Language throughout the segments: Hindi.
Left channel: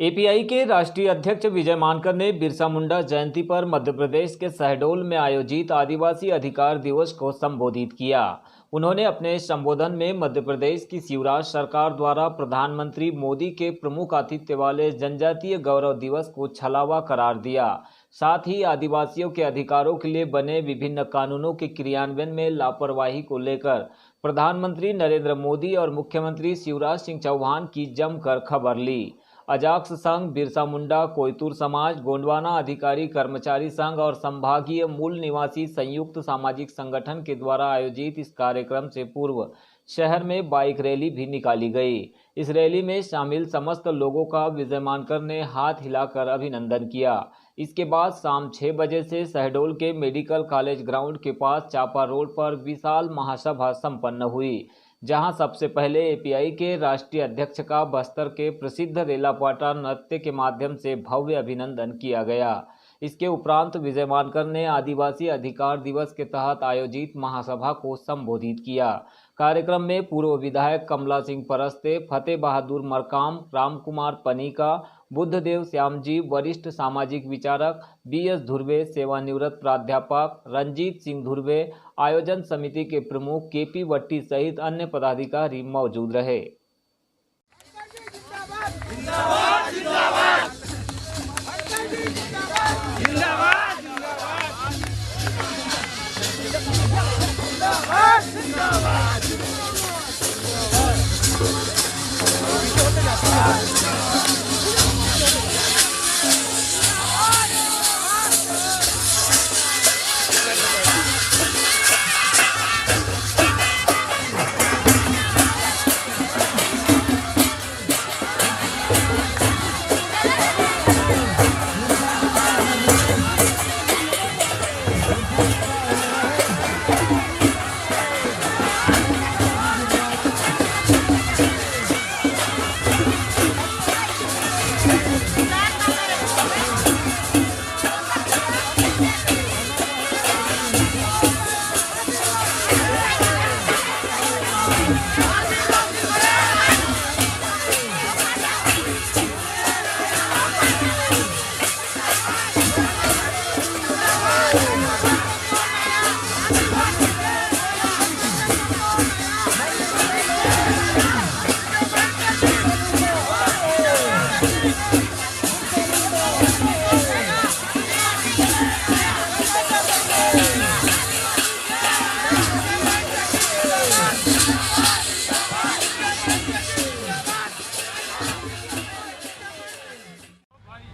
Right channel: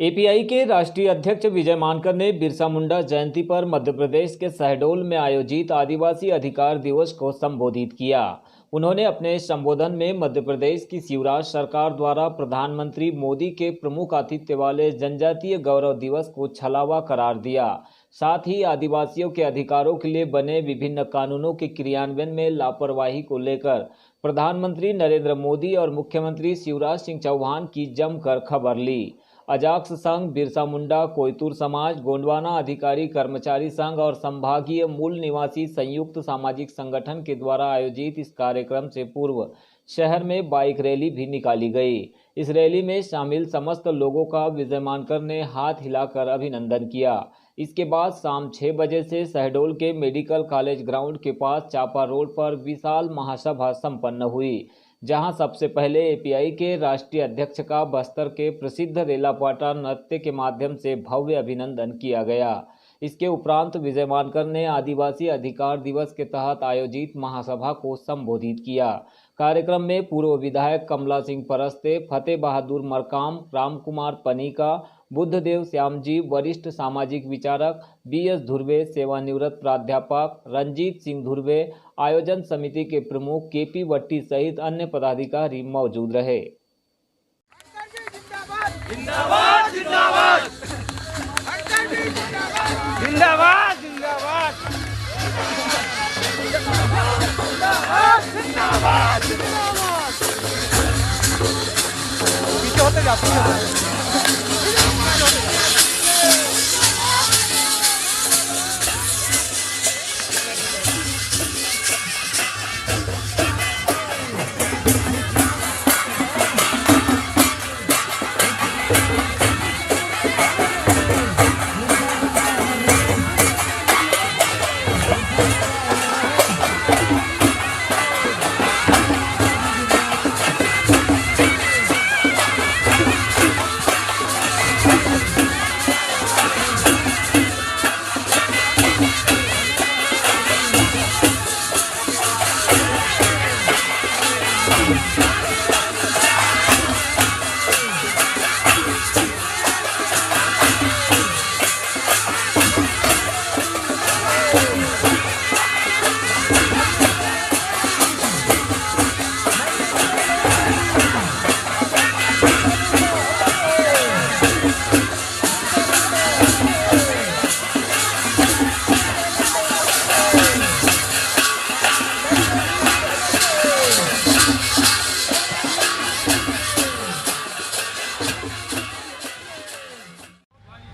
एपीआई के राष्ट्रीय अध्यक्ष विजय मानकर ने बिरसा मुंडा जयंती पर मध्य प्रदेश के शहडोल में आयोजित आदिवासी अधिकार दिवस को संबोधित किया। उन्होंने अपने संबोधन में मध्य प्रदेश की शिवराज सरकार द्वारा प्रधानमंत्री मोदी के प्रमुख आतिथ्य वाले जनजातीय गौरव दिवस को छलावा करार दिया। साथ ही आदिवासियों के अधिकारों के लिए बने विभिन्न कानूनों के क्रियान्वयन में लापरवाही को लेकर प्रधानमंत्री नरेंद्र मोदी और मुख्यमंत्री शिवराज सिंह चौहान की जमकर खबर ली। अजाक्स संघ, बिरसा मुंडा, कोयतुर समाज, गोंडवाना अधिकारी कर्मचारी संघ और संभागीय मूल निवासी संयुक्त सामाजिक संगठन के द्वारा आयोजित इस कार्यक्रम से पूर्व शहर में बाइक रैली भी निकाली गई। इस रैली में शामिल समस्त लोगों का विजय मानकर ने हाथ हिलाकर अभिनंदन किया। इसके बाद शाम 6 बजे से शहडोल के मेडिकल कॉलेज ग्राउंड के पास चापा रोड पर विशाल महासभा संपन्न हुई, जहां सबसे पहले एपीआई के राष्ट्रीय अध्यक्ष का बस्तर के प्रसिद्ध रेलापाटा नृत्य के माध्यम से भव्य अभिनंदन किया गया। इसके उपरांत विजय मानकर ने आदिवासी अधिकार दिवस के तहत आयोजित महासभा को संबोधित किया। कार्यक्रम में पूर्व विधायक कमला सिंह परस्ते, फतेह बहादुर मरकाम, राम कुमार पनीका, बुद्धदेव श्यामजी, वरिष्ठ सामाजिक विचारक बीएस धुर्वे, सेवानिवृत्त प्राध्यापक रंजीत सिंह धुर्वे, आयोजन समिति के प्रमुख केपी वट्टी सहित अन्य पदाधिकारी मौजूद रहे।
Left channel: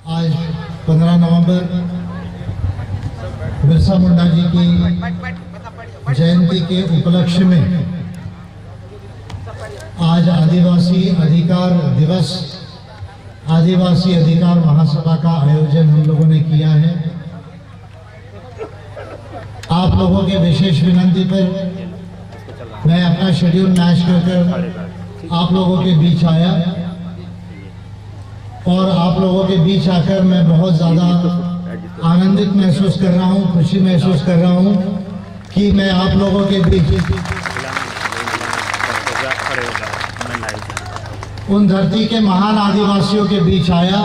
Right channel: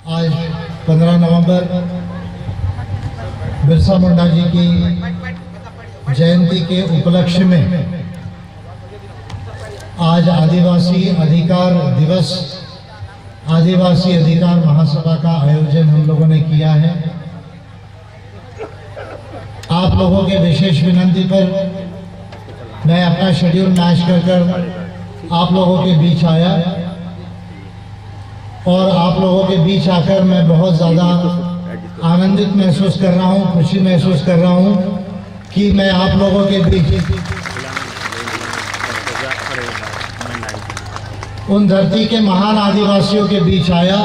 आज 15 नवंबर बिरसा मुंडा जी की जयंती के उपलक्ष्य में आज आदिवासी अधिकार दिवस, आदिवासी अधिकार महासभा का आयोजन हम लोगों ने किया है। आप लोगों के विशेष विनती पर मैं अपना शेड्यूल मैच कर आप लोगों के बीच आया और आप लोगों के बीच आकर मैं बहुत ज़्यादा आनंदित महसूस कर रहा हूँ, खुशी महसूस कर रहा हूँ कि मैं आप लोगों के बीच उन धरती के महान आदिवासियों के बीच आया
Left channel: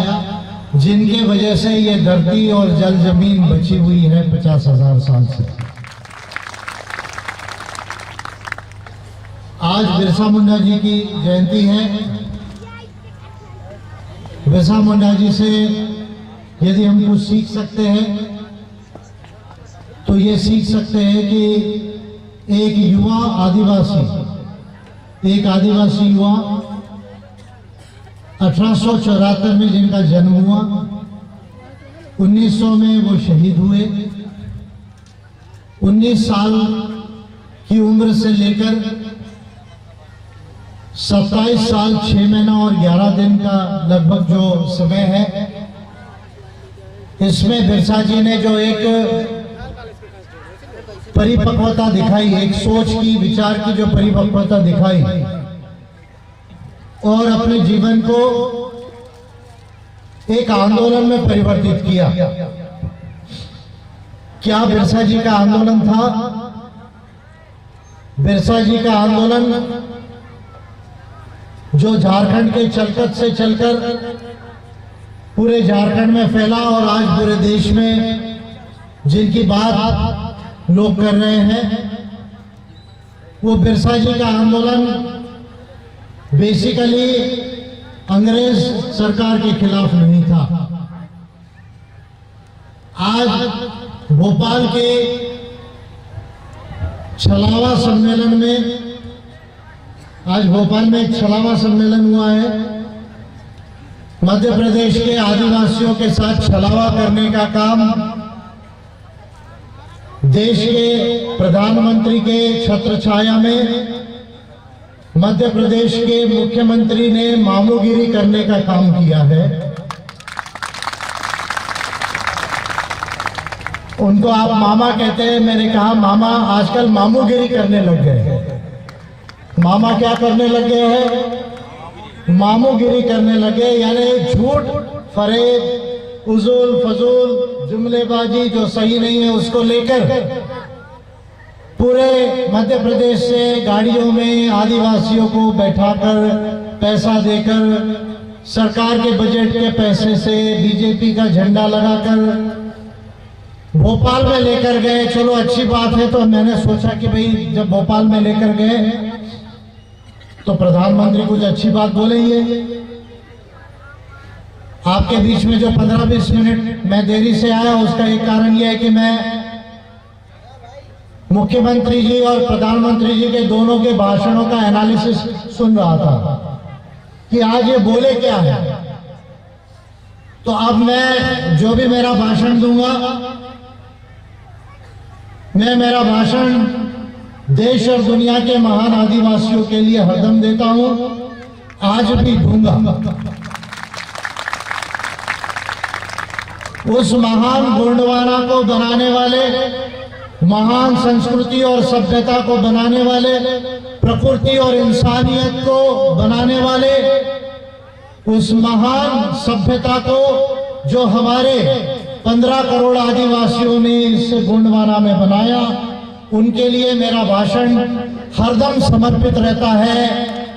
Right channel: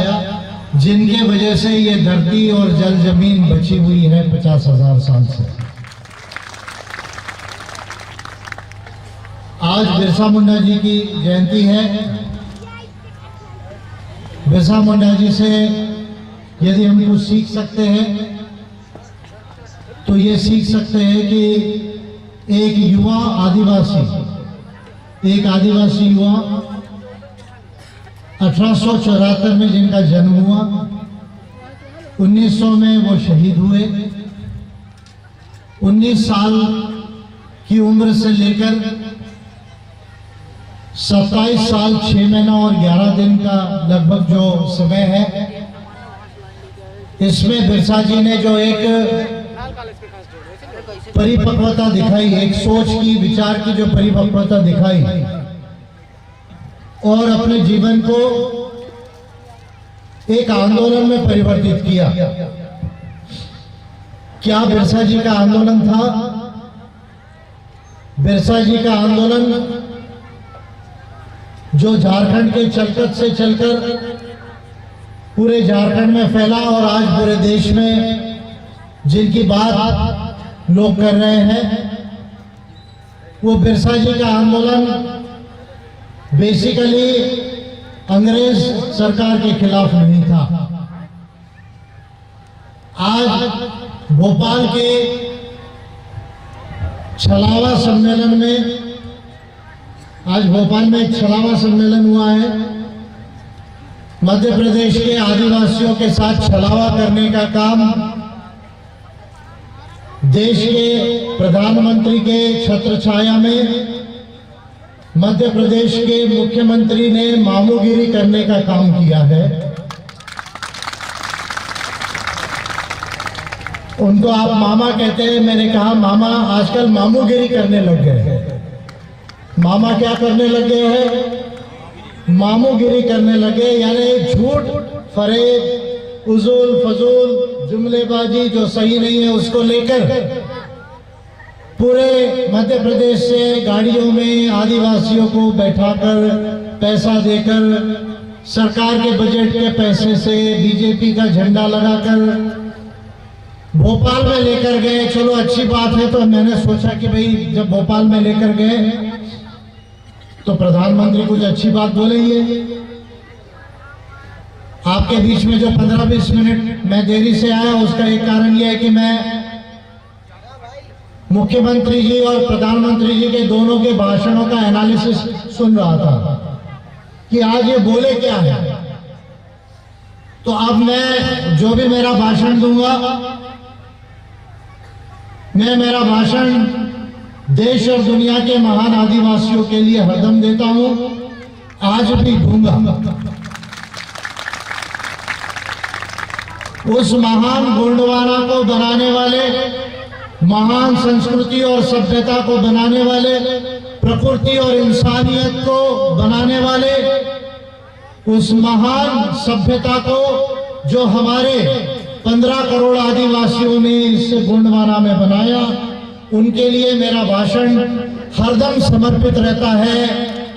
जिनकी वजह से ये धरती और जल जमीन बची हुई है 50,000 साल से। आज बिरसा मुंडा जी की जयंती है। बिरसा मुंडा जी से यदि हम कुछ सीख सकते हैं तो ये सीख सकते हैं कि एक युवा आदिवासी, एक आदिवासी युवा 1874 में जिनका जन्म हुआ, 1900 में वो शहीद हुए। 19 साल की उम्र से लेकर 27 साल 6 महीना और 11 दिन का लगभग जो समय है, इसमें बिरसा जी ने जो एक परिपक्वता दिखाई, एक सोच की, विचार की जो परिपक्वता दिखाई और अपने जीवन को एक आंदोलन में परिवर्तित किया। क्या बिरसा जी का आंदोलन था? बिरसा जी का आंदोलन जो झारखंड के चलकत से चलकर पूरे झारखंड में फैला और आज पूरे देश में जिनकी बात लोग कर रहे हैं, वो बिरसा जी का आंदोलन बेसिकली अंग्रेज सरकार के खिलाफ नहीं था। आज भोपाल के छलावा सम्मेलन में, आज भोपाल में एक छलावा सम्मेलन हुआ है। मध्य प्रदेश के आदिवासियों के साथ छलावा करने का काम देश के प्रधानमंत्री के छत्रछाया में मध्य प्रदेश के मुख्यमंत्री ने मामूगिरी करने का काम किया है। उनको आप मामा कहते हैं, मैंने कहा मामा आजकल मामूगिरी करने लग गए हैं। मामा क्या करने लगे हैं? मामूगिरी करने लगे, यानी झूठ, फरेब, उजूल फजूल, जुमलेबाजी जो सही नहीं है उसको लेकर पूरे मध्य प्रदेश से गाड़ियों में आदिवासियों को बैठाकर पैसा देकर सरकार के बजट के पैसे से बीजेपी का झंडा लगाकर भोपाल में लेकर गए। चलो अच्छी बात है। तो मैंने सोचा कि भाई जब भोपाल में लेकर गए तो प्रधानमंत्री कुछ अच्छी बात बोलेंगे। आपके बीच में जो 15-20 मिनट मैं देरी से आया उसका एक कारण यह है कि मैं मुख्यमंत्री जी और प्रधानमंत्री जी के दोनों के भाषणों का एनालिसिस सुन रहा था कि आज ये बोले क्या है। तो अब मैं जो भी मेरा भाषण दूंगा, मैं मेरा भाषण देश और दुनिया के महान आदिवासियों के लिए हरदम देता हूं, आज भी दूंगा। उस महान गोंडवाना को बनाने वाले, महान संस्कृति और सभ्यता को बनाने वाले, प्रकृति और इंसानियत को बनाने वाले, उस महान सभ्यता को जो हमारे 15 करोड़ आदिवासियों ने इस गोंडवाना में बनाया, उनके लिए मेरा भाषण हरदम समर्पित रहता है,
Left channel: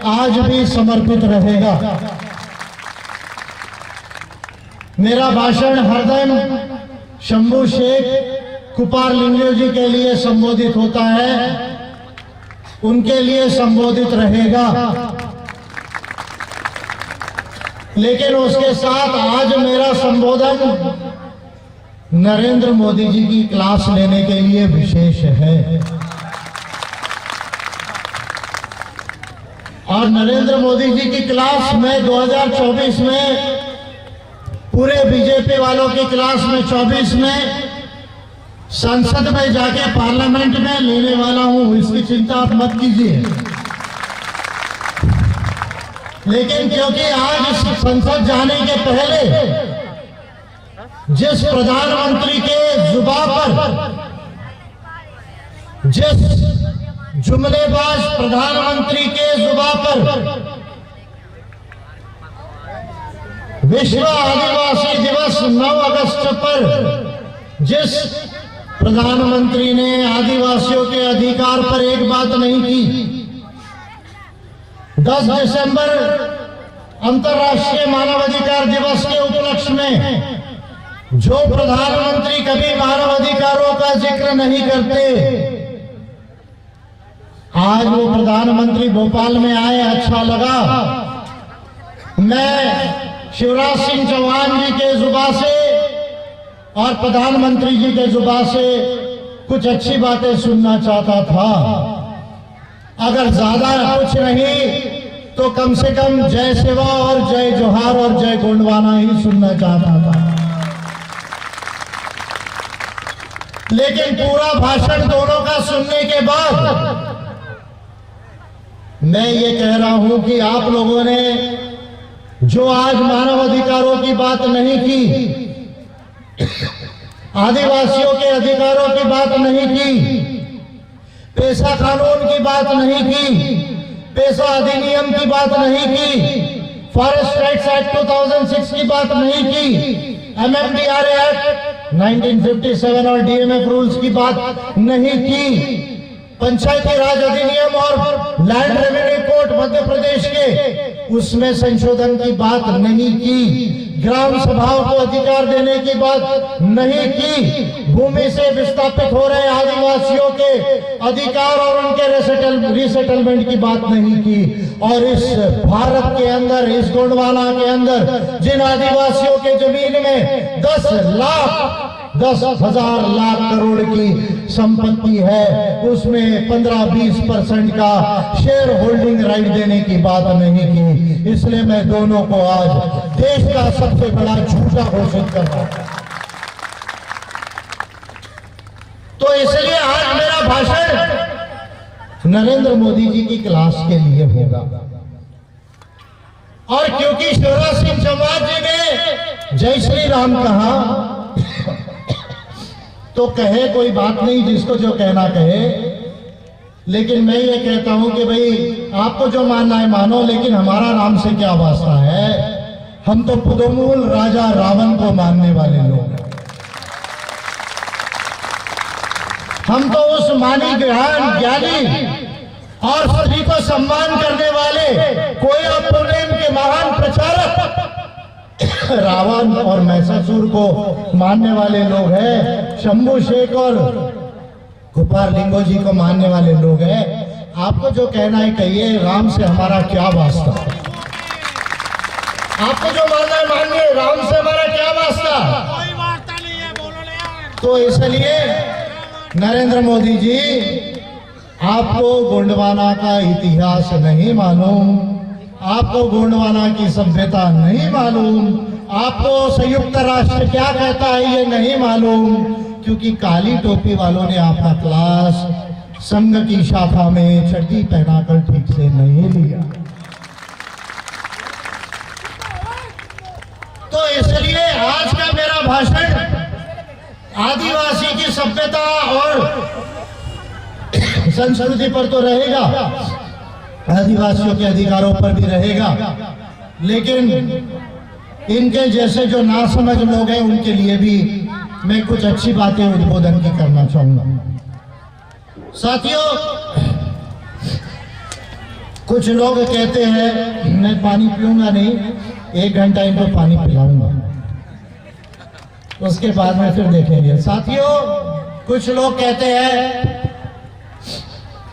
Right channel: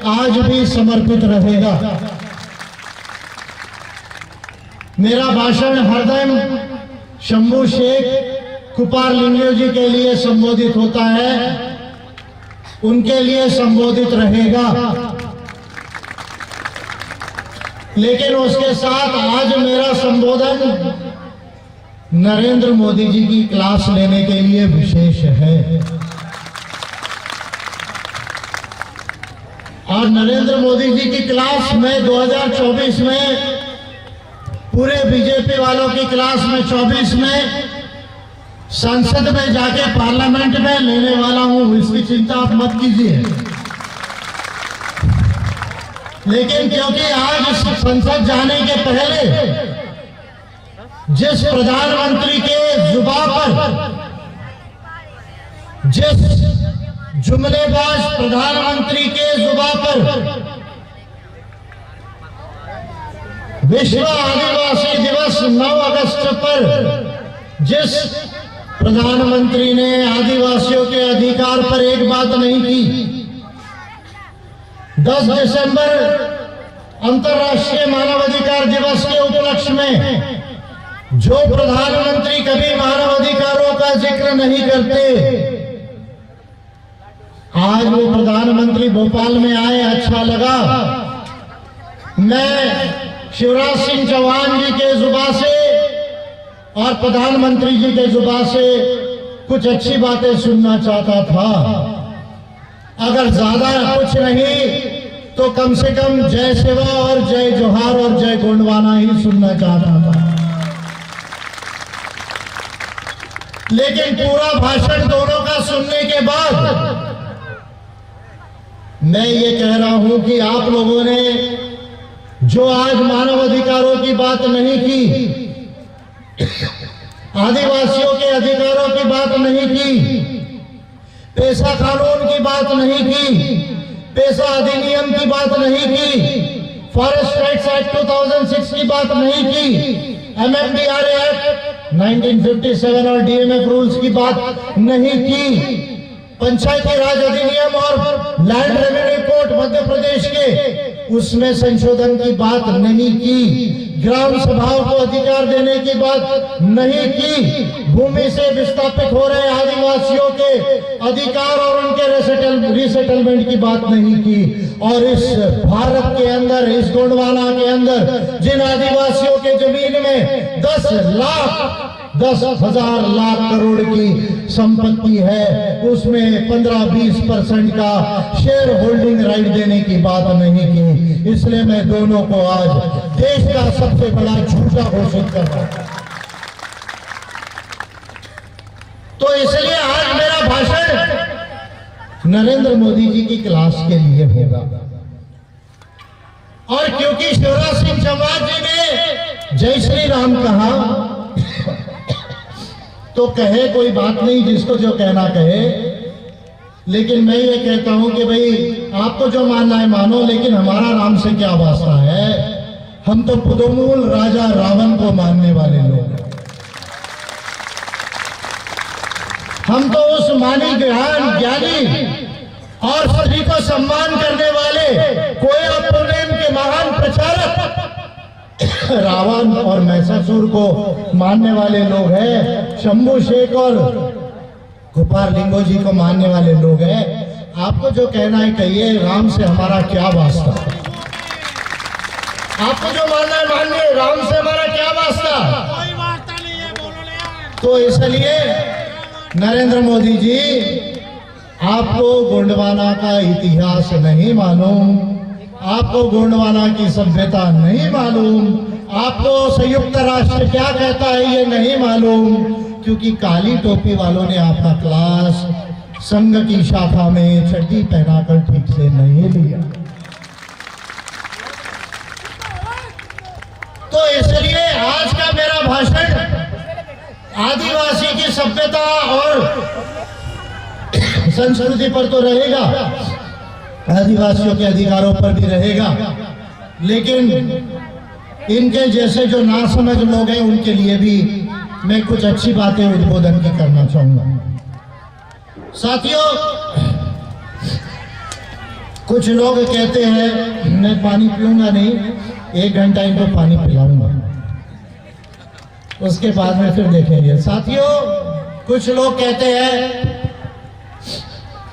आज भी समर्पित रहेगा। मेरा भाषण हरदम शंभू शेख कुपार लिंगो जी के लिए संबोधित होता है, उनके लिए संबोधित रहेगा। लेकिन उसके साथ आज मेरा संबोधन नरेंद्र मोदी जी की क्लास लेने के लिए विशेष है। और नरेंद्र मोदी जी की क्लास में 2024 में, पूरे बीजेपी वालों की क्लास में 24 में संसद में जाके पार्लियामेंट में लेने वाला हूं, इसकी चिंता आप मत कीजिए। लेकिन क्योंकि आज संसद जाने के पहले जिस प्रधानमंत्री के जुबान पर, जिस जुमलेबाज प्रधानमंत्री के जुबान पर विश्व आदिवासी दिवस 9 अगस्त पर जिस प्रधानमंत्री ने आदिवासियों के अधिकार पर एक बात नहीं की, 10 दिसंबर अंतर्राष्ट्रीय मानवाधिकार दिवस के उपलक्ष्य में जो प्रधानमंत्री कभी मानवाधिकारों का जिक्र नहीं करते, आज वो प्रधानमंत्री भोपाल में आए, अच्छा लगा। मैं शिवराज सिंह चौहान जी के जुबान से और प्रधानमंत्री जी के जुबान से कुछ अच्छी बातें सुनना चाहता था। अगर ज्यादा कुछ नहीं तो कम से कम जय शिवा और जय जोहार और जय गोंडवाना ही सुनना चाहता था। लेकिन पूरा भाषण दोनों का सुनने के बाद मैं ये कह रहा हूं कि आप लोगों ने जो आज मानव अधिकारों की बात नहीं की, आदिवासियों के अधिकारों की बात नहीं की, पेशा कानून की बात नहीं की, पेशा अधिनियम की बात नहीं की, फॉरेस्ट राइट्स एक्ट 2006 की बात नहीं की, MMDRA एक्ट 1957 और DMF रूल्स की बात नहीं की, पंचायती राज अधिनियम और land revenue code Madhya Pradesh के उसमें संशोधन की बात नहीं की, ग्राम सभाओं को अधिकार देने की बात नहीं की, भूमि से विस्थापित हो रहे आदिवासियों के अधिकार और उनके रिसेटलमेंट की बात नहीं की। और इस भारत के अंदर, इस गोंडवाना के अंदर जिन आदिवासियों के जमीन में 10,000 लाख करोड़ की संपत्ति है, उसमें 15-20% का शेयर होल्डिंग राइट देने की बात नहीं की। इसलिए मैं दोनों को आज देश का सबसे बड़ा झूठा घोषित कर रहा हूं। तो इसलिए आज मेरा भाषण नरेंद्र मोदी जी की क्लास के लिए होगा। और क्योंकि शिवराज सिंह चौहान जी ने जय श्री राम कहा, तो कहे कोई बात नहीं, जिसको जो कहना कहे। लेकिन मैं ये कहता हूं कि भाई आपको जो मानना है मानो, लेकिन हमारा राम से क्या वास्ता है। हम तो पुदोमूल राजा रावण को मानने वाले लोग हैं। हम तो उस मानी ज्ञानी और स्त्री को सम्मान करने वाले कोया पुनेम के महान प्रचारक रावण और महिषासुर को मानने वाले लोग हैं। शंभू शेख और गोपाल लिंगो जी को मानने वाले लोग हैं। आपको जो कहना है कहिए, राम से हमारा क्या वास्ता। आपको जो मानना है मानिए, राम से हमारा क्या वास्ता। कोई वास्ता नहीं है, बोलो। तो इसलिए नरेंद्र मोदी जी, आपको गोंडवाना का इतिहास नहीं मालूम, आपको गोंडवाना की सभ्यता नहीं मालूम, आपको संयुक्त राष्ट्र क्या कहता है ये नहीं मालूम, क्योंकि काली टोपी वालों ने आपका क्लास संघ की शाखा में चड्डी पहनाकर ठीक से नहीं लिया। तो इसलिए आज का मेरा भाषण आदिवासी की सभ्यता और संस्कृति पर तो रहेगा, आदिवासियों के अधिकारों पर भी रहेगा, लेकिन इनके जैसे जो नासमझ लोग हैं उनके लिए भी मैं कुछ अच्छी बातें उद्बोधन की करना चाहूंगा। साथियों, कुछ लोग कहते हैं मैं पानी पीऊंगा नहीं, 1 घंटा इनको पानी पिलाऊंगा, उसके बाद में फिर देखेंगे। साथियों, कुछ लोग कहते हैं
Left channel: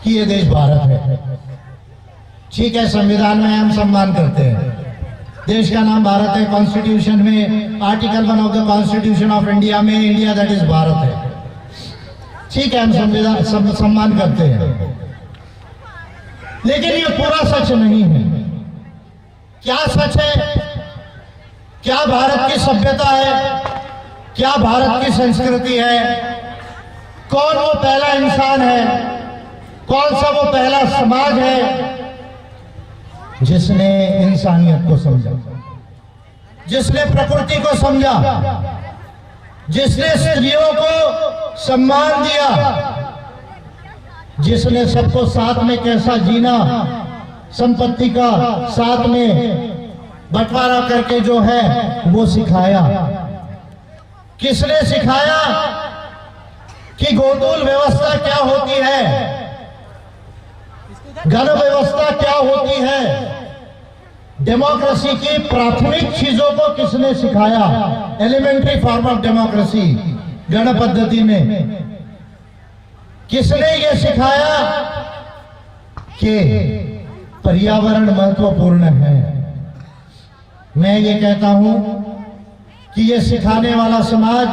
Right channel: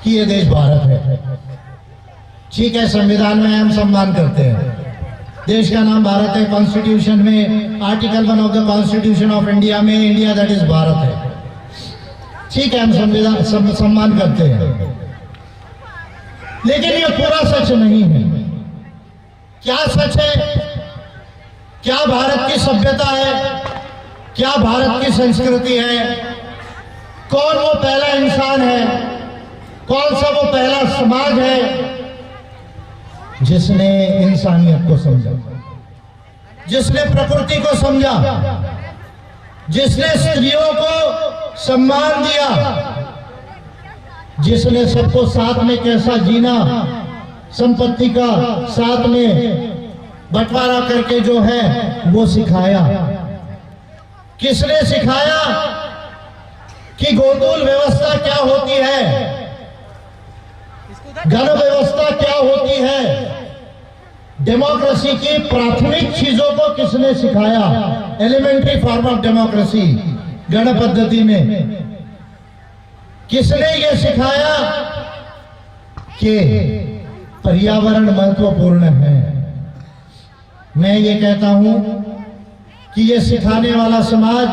कि ये देश भारत है। ठीक है, संविधान में हम सम्मान करते हैं, देश का नाम भारत है। कॉन्स्टिट्यूशन में article 1 of the constitution of India में इंडिया दैट इज भारत है। ठीक है, हम संविधान सम्मान करते हैं, लेकिन ये पूरा सच नहीं है। क्या सच है? क्या भारत की सभ्यता है? क्या भारत की संस्कृति है? कौन वो पहला इंसान है? कौन सा वो पहला समाज है जिसने इंसानियत को समझा, जिसने प्रकृति को समझा, जिसने स्त्रियों को सम्मान दिया, जिसने सबको साथ में कैसा जीना, संपत्ति का साथ में बंटवारा करके जो है वो सिखाया। किसने सिखाया कि गोकुल व्यवस्था क्या होती है, गण व्यवस्था क्या होती है, डेमोक्रेसी की प्राथमिक चीजों को किसने सिखाया, एलिमेंट्री फॉर्म ऑफ डेमोक्रेसी गण पद्धति में किसने ये सिखाया कि पर्यावरण महत्वपूर्ण है। मैं ये कहता हूं कि ये सिखाने वाला समाज,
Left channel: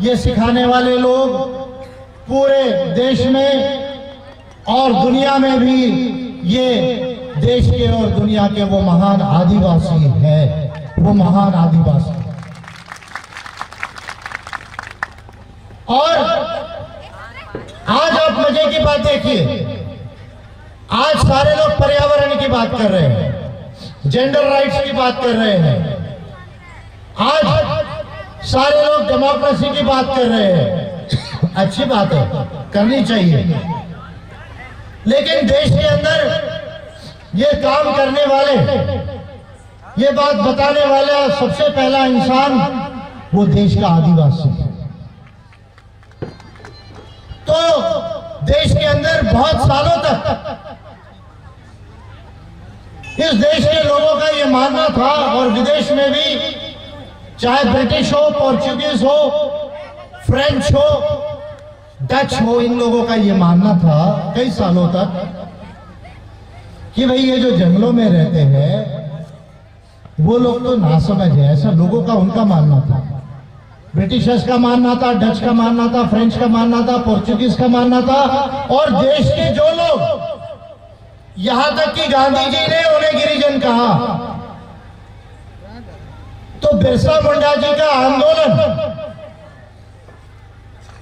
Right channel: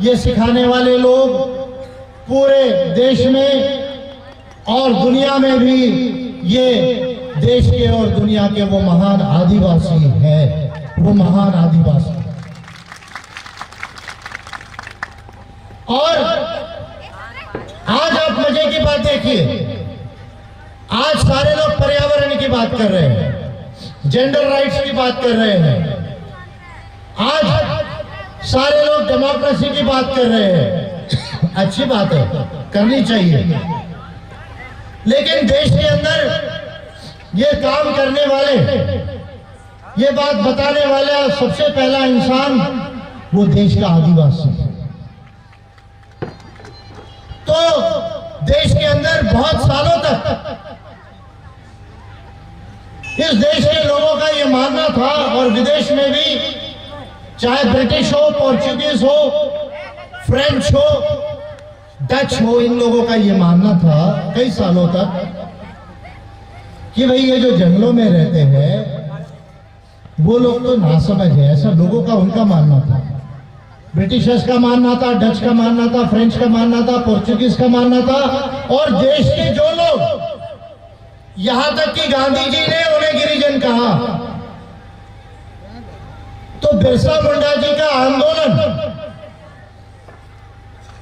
ये सिखाने वाले लोग पूरे देश में और दुनिया में भी, ये देश के और दुनिया के वो महान आदिवासी है, वो महान आदिवासी। और आज आप मजे की बात देखिए, आज सारे लोग पर्यावरण की बात कर रहे हैं, जेंडर राइट्स की बात कर रहे हैं, आज सारे लोग डेमोक्रेसी की बात कर रहे हैं। अच्छी बात है, करनी चाहिए, लेकिन देश के अंदर ये काम करने वाले, ये बात बताने वाला सबसे पहला इंसान वो देश का आदिवासी है। तो देश के अंदर बहुत सालों तक इस देश के लोगों का ये मानना था, और विदेश में भी चाहे ब्रिटिश हो, पोर्चुगीज हो, फ्रेंच हो, डच हो, इन लोगों का ये मानना था कई सालों तक कि भाई ये जो जंगलों में रहते हैं वो लोग तो नासमझ है, ऐसा लोगों का उनका मानना था। ब्रिटिशर्स का मानना था, डच का मानना था, फ्रेंच का मानना था, पोर्चुगीज का मानना था, और देश के जो लोग, यहां तक कि गांधी जी ने उन्हें गिरिजन कहा। तो बिरसा मुंडा जी का आंदोलन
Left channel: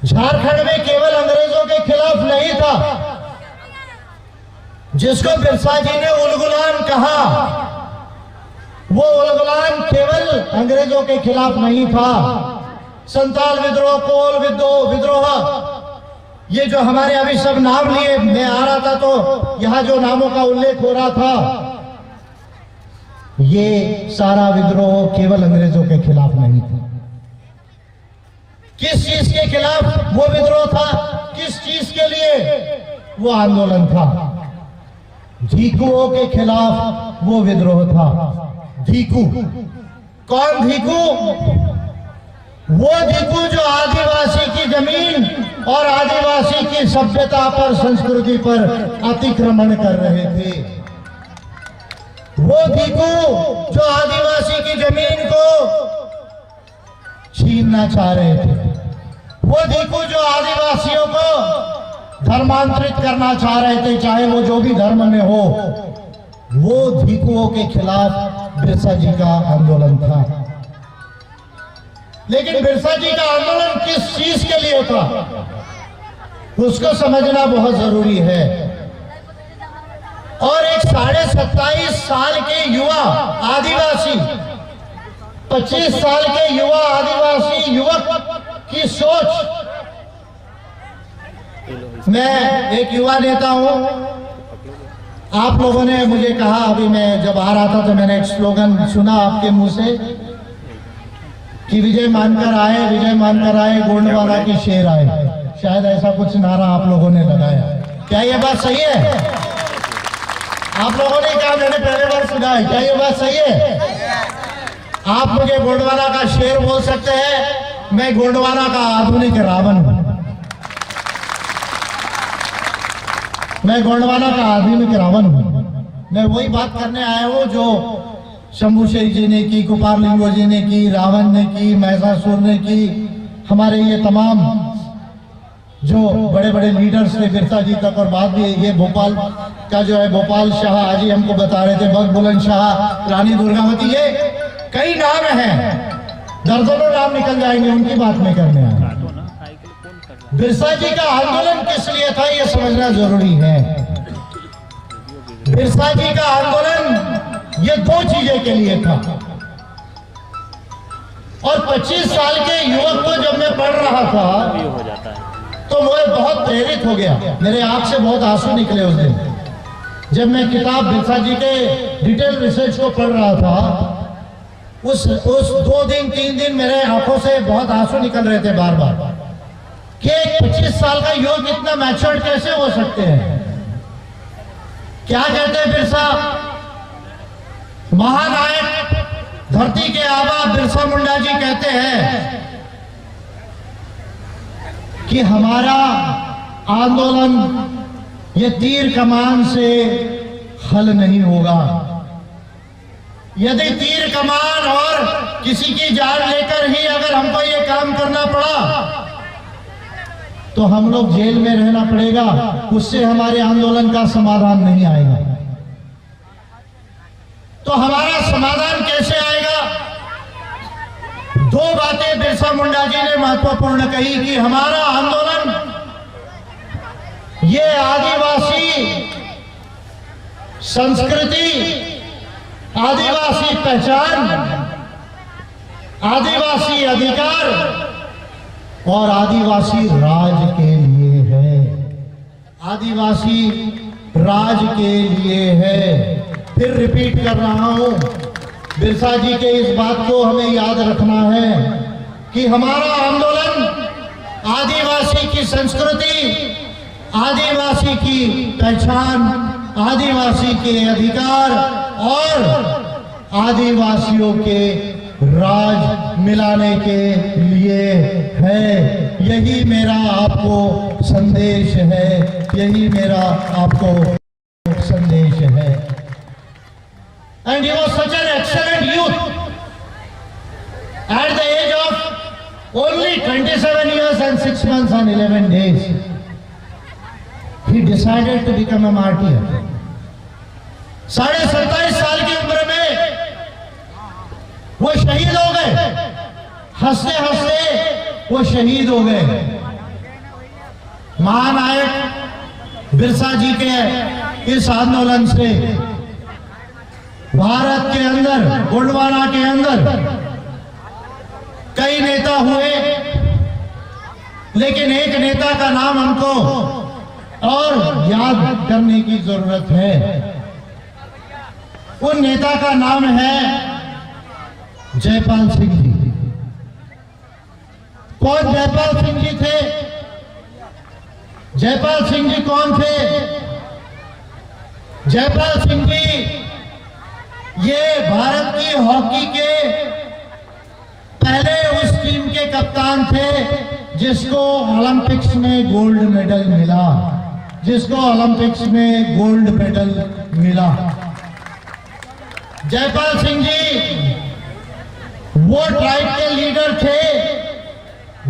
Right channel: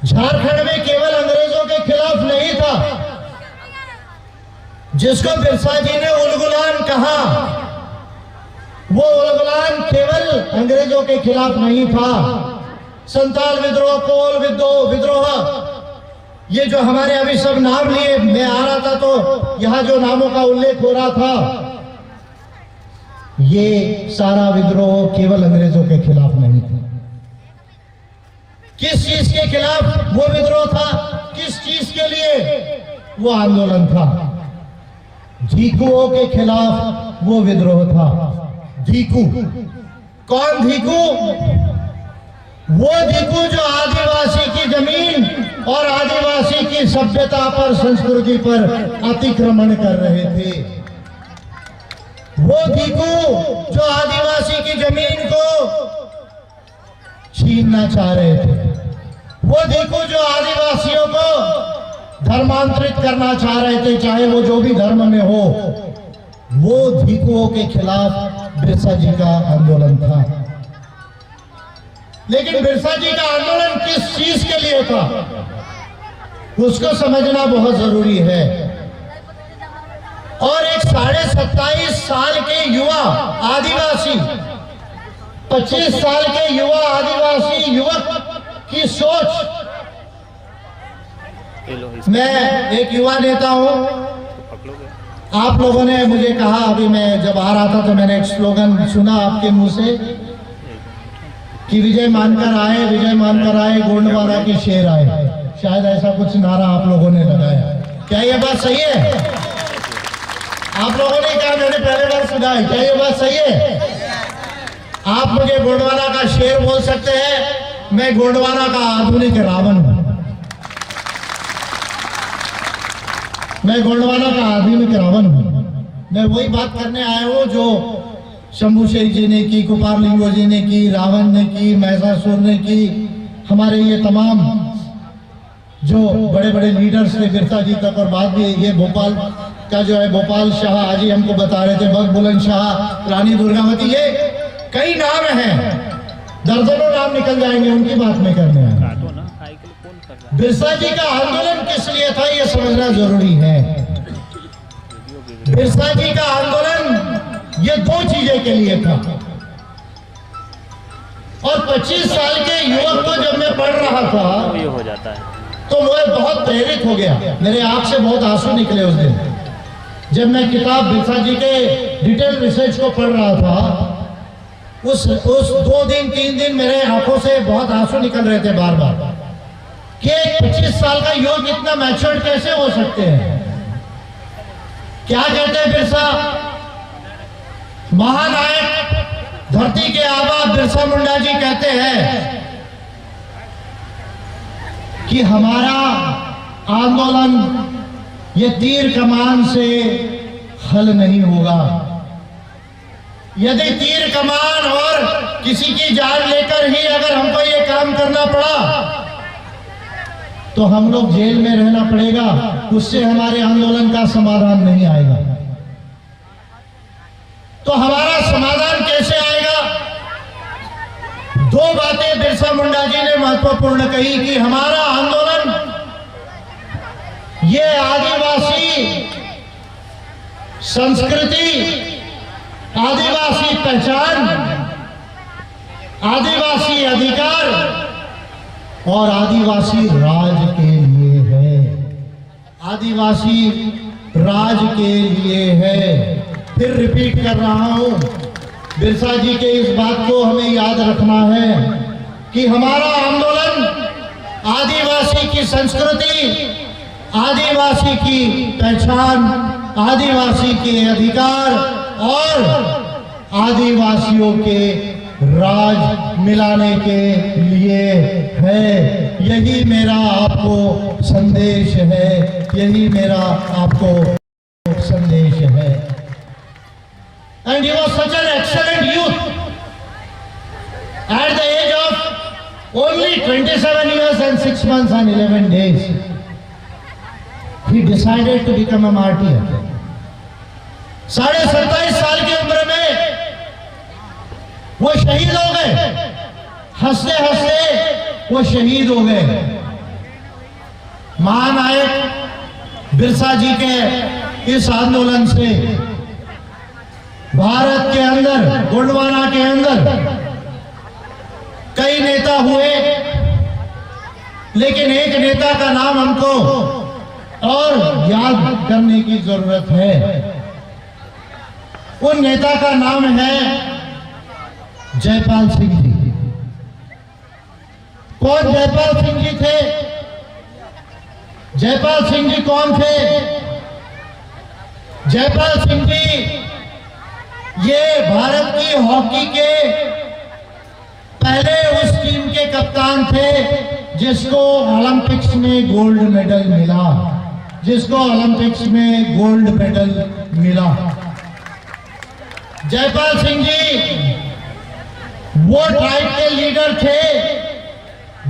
झारखंड में केवल अंग्रेजों के खिलाफ नहीं था, जिसको बिरसा जी ने उलगुलान कहा, वो उलगुलान केवल अंग्रेजों के खिलाफ नहीं था। संताल विद्रोह, कोल विद्रोह, ये जो हमारे अभी सब नाम लिए, मैं आ रहा था तो यहां जो नामों का उल्लेख हो रहा था, ये सारा विद्रोह केवल अंग्रेजों के खिलाफ नहीं था। किस चीज के खिलाफ वो विद्रोह था? किस चीज के लिए वो आंदोलन था? ढीकुओं के खिलाफ वो विद्रोह था। ढीकू कौन? ढीकू वो ढीकू जो आदिवासी की जमीन और आदिवासी की सभ्यता पर, संस्कृति पर अतिक्रमण कर रहे थे। वो ढीकू जो आदिवासी की जमीन को छीनना चाह रहे थे। वो ढीकू जो आदिवासियों को धर्मांतरित करना चाह रहे थे, चाहे वो जो भी धर्म में हो। वो ढीकुओं के खिलाफ बिरसा जी का आंदोलन था। लेकिन बिरसा जी का आंदोलन किस चीज के लिए था, उसको समझना बहुत जरूरी है। और एक 27.5 साल के युवा आदिवासी, 25 साल के युवा आदिवासी युवक की सोच। मैं एक युवा नेता हूं। आप लोगों ने मुझे कहा, अभी मैं जब आ रहा था तो मैंने एक स्लोगन सुना आपके मुंह से कि विजय मानकर आए, विजय मानकर आए, गोंडवाना के शेर आए। शायद ऐसा कुछ नारा आप लोगों ने लगाया। क्या ये बात सही है? आप लोगों ने कहा, मैंने पहले बार सुना है। क्या ये बात सही है? आप मुझे गोंडवाना का शेर बोल सकते हैं, मैं गोंडवाना का आधुनिक रावण हूं। मैं गोंडवाना का आधुनिक रावण हूं। मैं वही बात करने आया हूं जो शंभू शेख जी ने की, कुपार लिंगो जी ने की, रावण ने की, महिषासुर ने की, हमारे ये तमाम जो बड़े बड़े लीडर्स थे बिरसा जी तक, और बाद में ये भोपाल का जो है गोपाल शाह, आज ही हमको बता रहे थे, बग बुलंद शाह, रानी दुर्गावती, ये कई नाम हैं, दर्जनों नाम निकल जाएंगे, उनकी बात नहीं करने आए। बिरसा जी का आंदोलन किस लिए था, ये समझना जरूरी है। बिरसा जी का आंदोलन ये दो चीजें के लिए था। और 25 साल के युवक को जब मैं पढ़ रहा था तो मैं बहुत प्रेरित हो गया। मेरे आंख से बहुत आंसू निकले उस दिन जब मैं किताब बिरसा जी के डिटेल रिसर्च को पढ़ रहा था। उस 2 दिन 3 दिन मेरे आंखों से बहुत आंसू निकल रहे थे बार बार कि 25 साल का युवक इतना मैच्योर्ड कैसे हो सकते हैं। क्या कहते हैं बिरसा? महानायक, धरती के आबा बिरसा मुंडा जी कहते हैं कि हमारा आंदोलन ये तीर कमान से हल नहीं होगा। यदि तीर कमान और किसी की जान लेकर ही अगर हमको ये काम करना पड़ा तो हम लोग जेल में रहना पड़ेगा, उससे हमारे आंदोलन का समाधान नहीं आएगा। तो हमारा समाधान कैसे आएगा? 2 बातें बिरसा मुंडा जी ने महत्वपूर्ण कही कि हमारा आंदोलन ये आदिवासी संस्कृति, आदिवासी पहचान, आदिवासी अधिकार और आदिवासी राज के लिए है। आदिवासी राज के लिए है। फिर रिपीट कर रहा हूं, बिरसा जी के इस बात को हमें याद रखना है कि हमारा आंदोलन आदिवासी की संस्कृति, आदिवासी की पहचान, आदिवासी के अधिकार और आदिवासियों के राज मिलाने के लिए है। यही मेरा आपको संदेश है, यही मेरा आपको संदेश है। And he was such an excellent youth at the age of only 27 years and 6 months and 11 days. He decided to become a martyr. 27.5 साल की उम्र में वो शहीद हो गए, हंसते हंसते वो शहीद हो गए। महानायक बिरसा जी के इस आंदोलन से भारत के अंदर, गोंडवाना के अंदर कई नेता हुए, लेकिन एक नेता का नाम हमको और याद करने की जरूरत है। उन नेता का नाम है जयपाल सिंह जी। कौन जयपाल सिंह जी थे? जयपाल सिंह जी कौन थे? जयपाल सिंह जी ये भारत की हॉकी के पहले उस टीम के कप्तान थे जिसको ओलंपिक्स में गोल्ड मेडल मिला, जिसको ओलंपिक्स में गोल्ड मेडल मिला। जयपाल सिंह जी वो ट्राइब के लीडर थे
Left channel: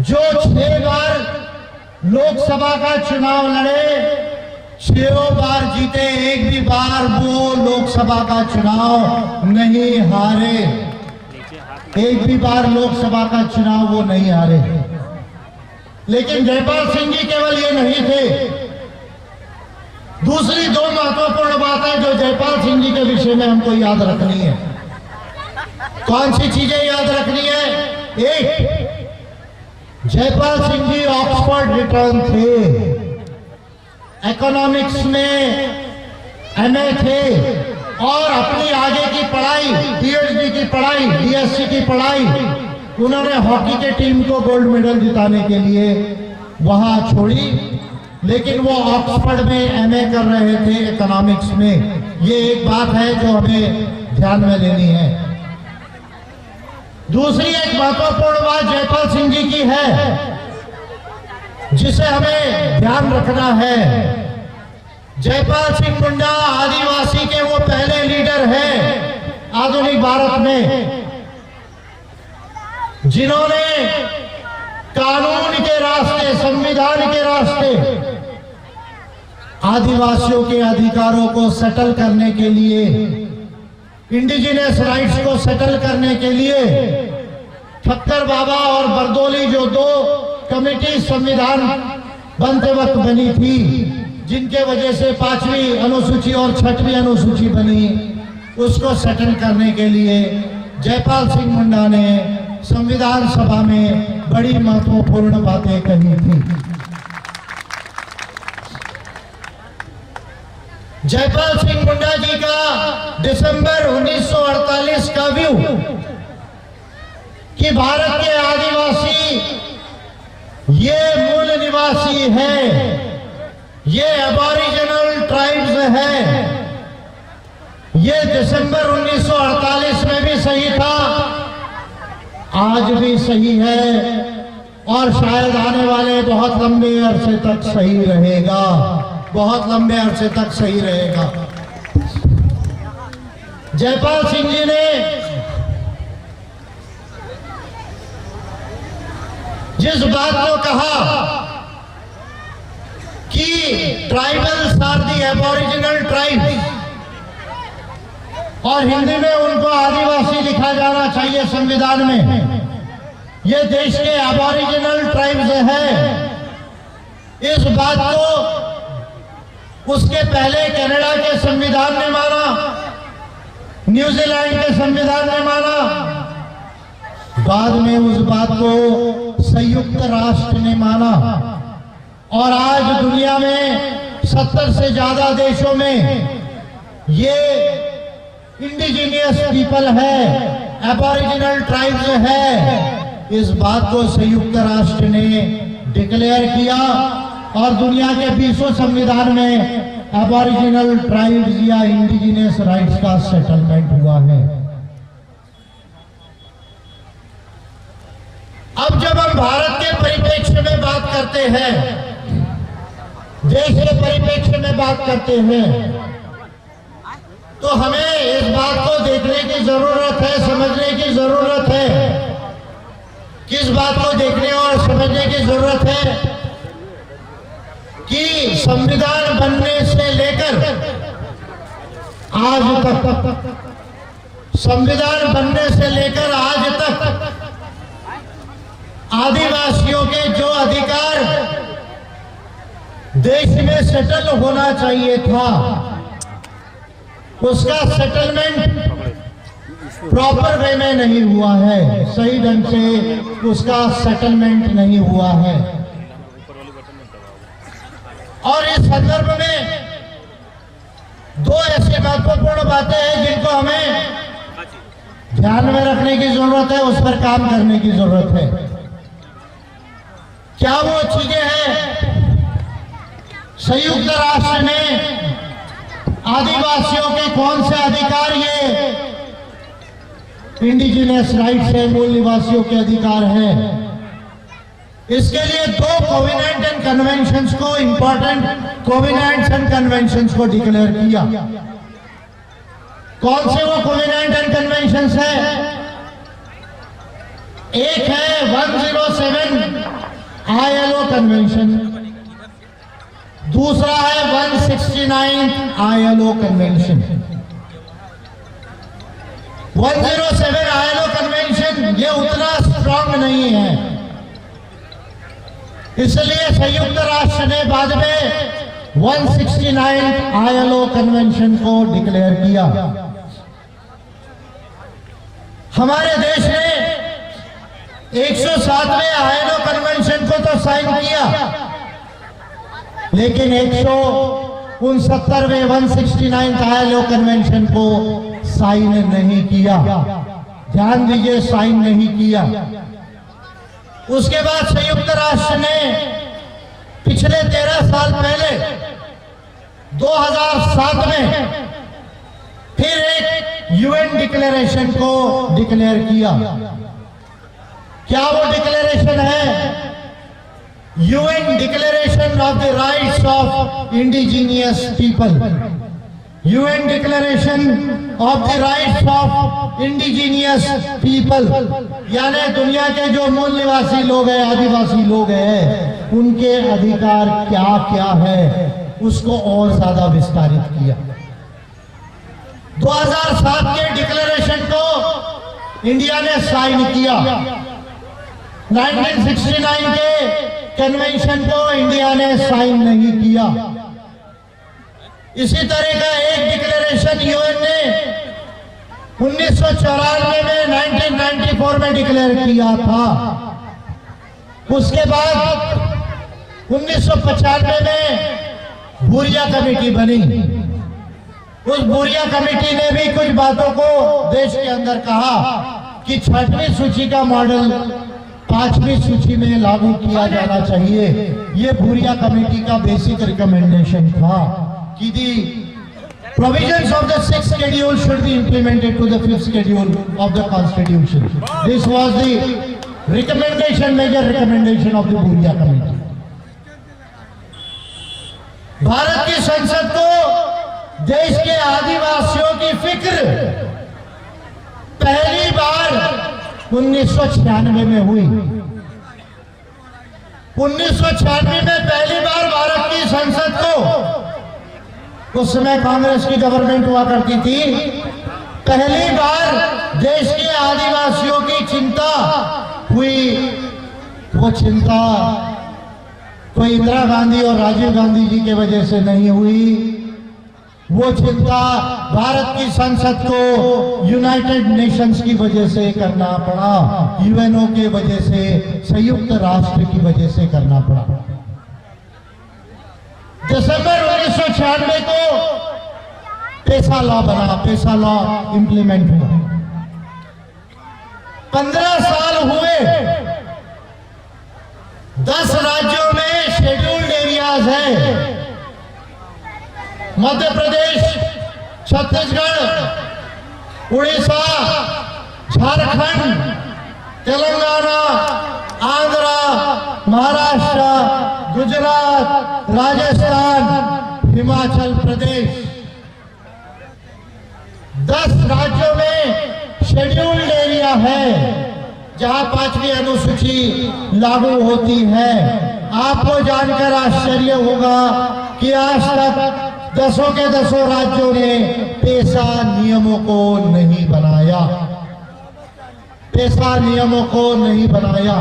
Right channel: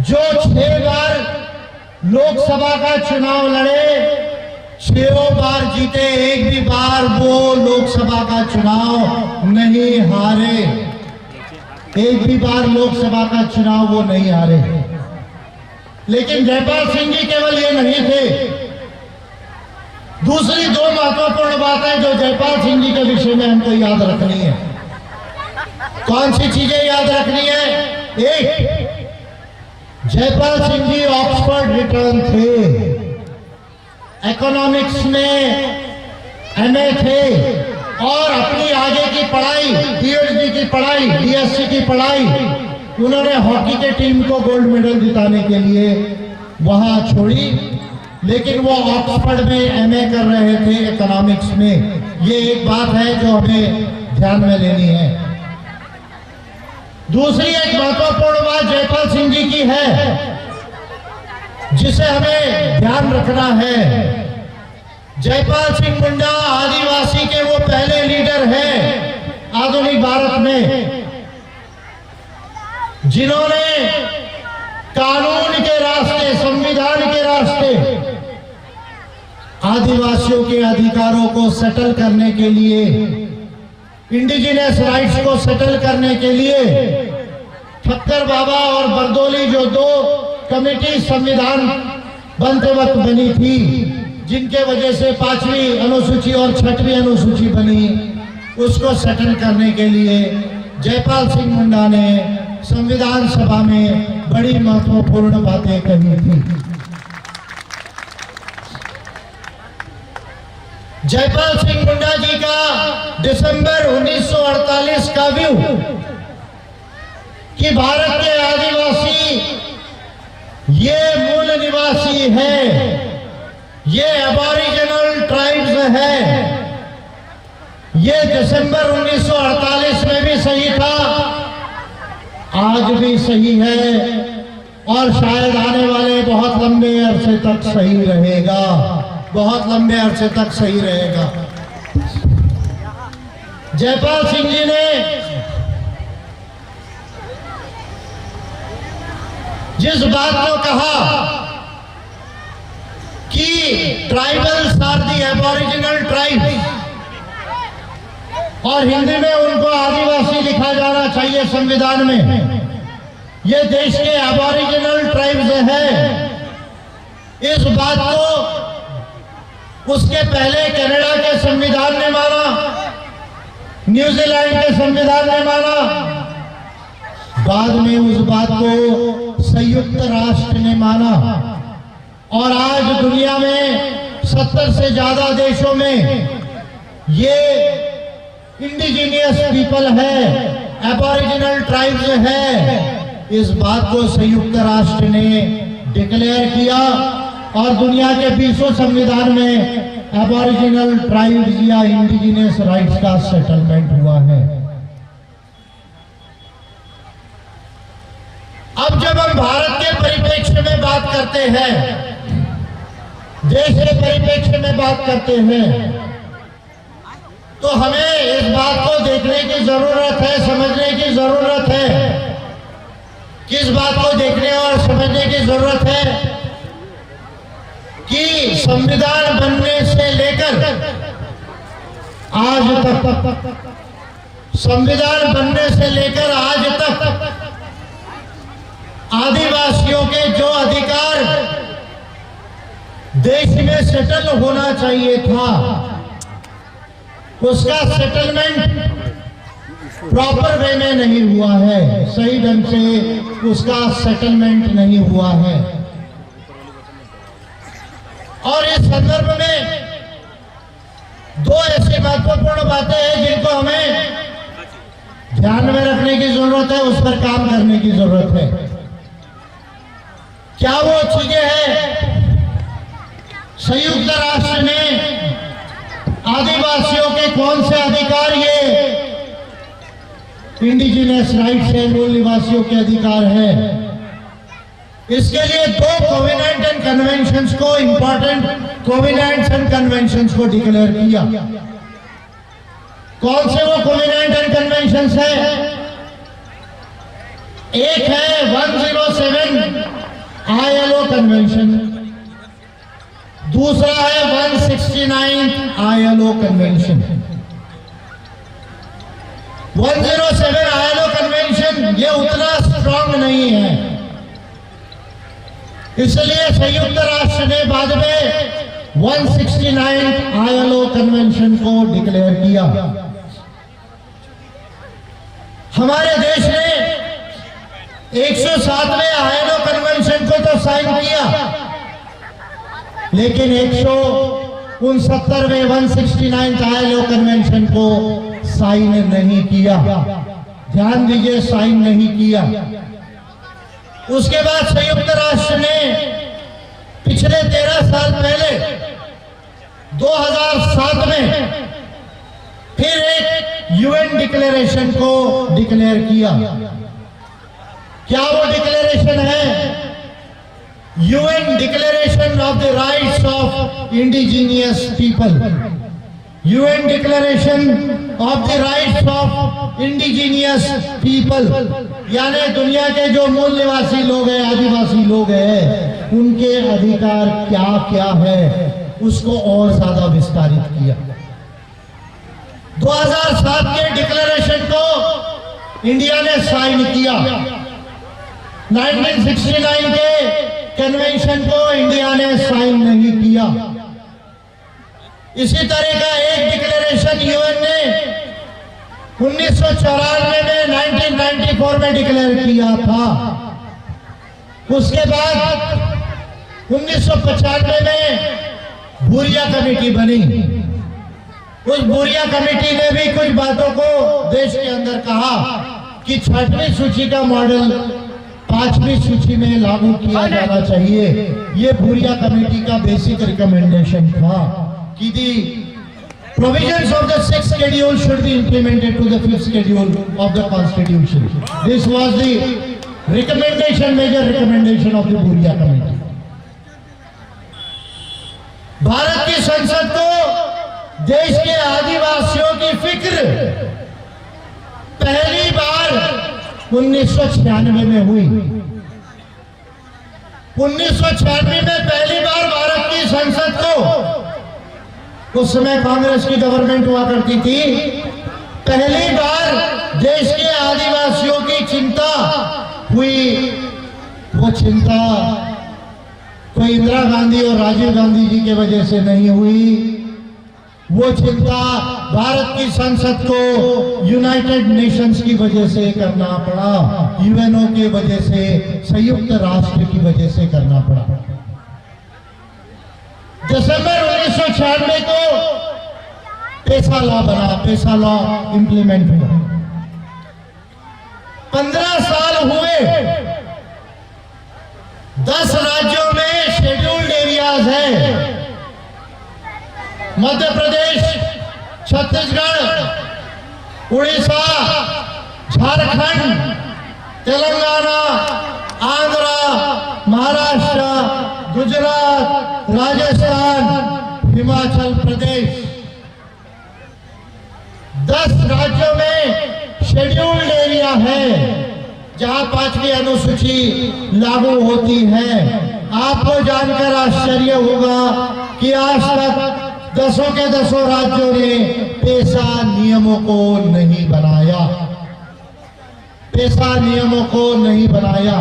जो 6 बार लोकसभा का चुनाव लड़े, 6 बार जीते, एक भी बार वो लोकसभा का चुनाव नहीं हारे, एक भी बार लोकसभा का चुनाव वो नहीं हारे। लेकिन जयपाल सिंह जी केवल ये नहीं थे, दूसरी 2 महत्वपूर्ण बातें जो जयपाल सिंह जी के विषय में हमको याद रखनी है। कौन सी चीजें याद रखनी है? एक, जयपाल सिंह जी ऑक्सफोर्ड रिटर्न थे, इकोनॉमिक्स में एमए थे और अपनी आगे की पढ़ाई, पीएचडी की पढ़ाई, बीएससी की पढ़ाई उन्होंने हॉकी के टीम को गोल्ड मेडल जिताने के लिए वहां छोड़ी। लेकिन वो ऑक्सफोर्ड में एमए कर रहे थे इकोनॉमिक्स में। ये एक बात है जो हमें ध्यान में लेनी है। दूसरी एक महत्वपूर्ण बात जयपाल सिंह जी की है जिसे हमें ध्यान रखना है। जयपाल सिंह मुंडा आदिवासी के वो पहले लीडर हैं आधुनिक भारत में जिन्होंने कानून के रास्ते, संविधान के रास्ते आदिवासियों के अधिकारों को सेटल करने के लिए, इंडिजिनस राइट्स को सेटल करने के लिए ठक्कर बाबा और बरदोली जो 2 कमेटी संविधान बनते वक्त बनी थी, जिनके वजह से 5वीं अनुसूची और 6वीं अनुसूची बनी, उसको सेटल करने के लिए जयपाल सिंह मुंडा ने संविधान सभा में बड़ी महत्वपूर्ण बातें कही थी। जयपाल सिंह मुंडा जी का दिसंबर 1948 का व्यू कि भारत के आदिवासी ये मूल निवासी है, ये एबॉरिजिनल ट्राइब्स है, ये दिसंबर 1948 में भी सही था, आज भी सही है और शायद आने वाले बहुत लंबे अरसे तक सही रहेगा, बहुत लंबे अरसे तक सही रहेगा। जयपाल सिंह जी ने जिस बात को कहा कि ट्राइबल्स आर दी एबॉरिजिनल ट्राइब्स और हिंदी में उनको आदिवासी लिखा जाना चाहिए संविधान में, ये देश के एबॉरिजिनल ट्राइब्स है, इस बात को उसके पहले कनाडा के संविधान ने माना, न्यूजीलैंड के संविधान ने माना, बाद में उस बात को संयुक्त राष्ट्र ने माना और आज दुनिया में 70 से ज्यादा देशों में ये इंडिजिनियस पीपल है, एबॉरिजिनल ट्राइब्स है, इस बात को संयुक्त राष्ट्र ने डिक्लेयर किया और दुनिया के 20 संविधान में एबॉरिजिनल ट्राइब्स या इंडिजिनियस राइट्स का सेटलमेंट हुआ है। करते हैं, देश के परिप्रेक्ष्य में बात करते हैं, तो हमें इस बात को देखने की जरूरत है, समझने की जरूरत है। किस बात को देखने और समझने की जरूरत है कि संविधान बनने से लेकर आज तक, संविधान बनने से लेकर आज तक आदिवासियों के जो अधिकार देश में सेटल होना चाहिए था, उसका सेटलमेंट प्रॉपर वे में नहीं हुआ है, सही ढंग से उसका सेटलमेंट नहीं हुआ है। और इस संदर्भ में दो ऐसी महत्वपूर्ण बातें हैं जिनको हमें ध्यान में रखने की जरूरत है, उस पर काम करने की जरूरत है। क्या वो चीजें हैं? संयुक्त राष्ट्र ने आदिवासियों के कौन से अधिकार, ये इंडिजिनियस राइट्स है, मूल निवासियों के अधिकार है, इसके लिए दो कोवेनेंट एंड कन्वेंशंस को, इंपॉर्टेंट कोवेनेंट्स एंड कन्वेंशंस को डिक्लेयर किया। कौन से वो कोवेनेंट एंड कन्वेंशंस है? एक है 107 ILO कन्वेंशन, दूसरा है 169 ILO कन्वेंशन। 107 ILO कन्वेंशन ये उतना स्ट्रांग नहीं है, इसलिए संयुक्त राष्ट्र ने बाद में 169 ILO कन्वेंशन को डिक्लेयर किया। हमारे देश ने 107वें ILO कन्वेंशन को तो साइन किया, लेकिन 169वें 169 ILO कन्वेंशन को साइन नहीं किया। ध्यान दीजिए, साइन नहीं किया। उसके बाद संयुक्त राष्ट्र ने पिछले 13 साल पहले 2007 में फिर एक UN डिक्लेरेशन को डिक्लेयर किया। क्या वो डिक्लेरेशन है? UN declaration of the rights of indigenous people, UN declaration of the rights of indigenous people, यानी दुनिया के जो मूल निवासी लोग हैं, आदिवासी लोग हैं, उनके अधिकार क्या क्या है, उसको और ज्यादा विस्तारित किया। 2007 के डिक्लेरेशन को इंडिया ने साइन किया। 1969 के कन्वेंशन को इंडिया ने साइन नहीं किया। इसी तरह का एक डिक्लेरेशन UN ने 1994 में 1994 में डिक्लेयर किया था। उसके बाद 1995 में भूरिया कमेटी बनी। उस भूरिया कमेटी ने भी कुछ बातों को देश के अंदर कहा कि 6वीं सूची का मॉडल 5वीं सूची में लागू किया जाना चाहिए। ये भूरिया कमेटी का बेसिक रिकमेंडेशन था कि दी provisions of the 6th schedule should be implemented to the 5th schedule of the constitution. This was the recommendation, major recommendation of the Bhuria committee. Bharat की संसद को देश के आदिवासियों की फिक्र पहली बार 1996 में हुई। 1996 में पहली बार भारत की संसद को, उस समय कांग्रेस की गवर्नमेंट हुआ करती थी, पहली बार देश के आदिवासियों की चिंता हुई। वो चिंता कोई इंदिरा गांधी और राजीव गांधी जी की वजह से नहीं हुई। वो चिंता भारत की संसद को यूनाइटेड नेशंस की वजह से करना पड़ा, UNO की वजह से, संयुक्त राष्ट्र की वजह से करना पड़ा। दिसंबर 1996 को पेसा लॉ बना, पेसा लॉ इंप्लीमेंट हुआ। 15 साल हुए। 10 राज्यों में शेड्यूल्ड एरियाज है। मध्य प्रदेश, छत्तीसगढ़, उड़ीसा, झारखंड, तेलंगाना, आंध्रा, महाराष्ट्र, गुजरात, राजस्थान, हिमाचल प्रदेश, 10 राज्यों में शेड्यूल्ड एरिया है जहां 5वीं अनुसूची लागू होती है। आपको जानकर आश्चर्य होगा कि आज तक 10 के 10 राज्यों ने पेशा नियमों को नहीं बनाया, पेशा नियमों को नहीं बनाया।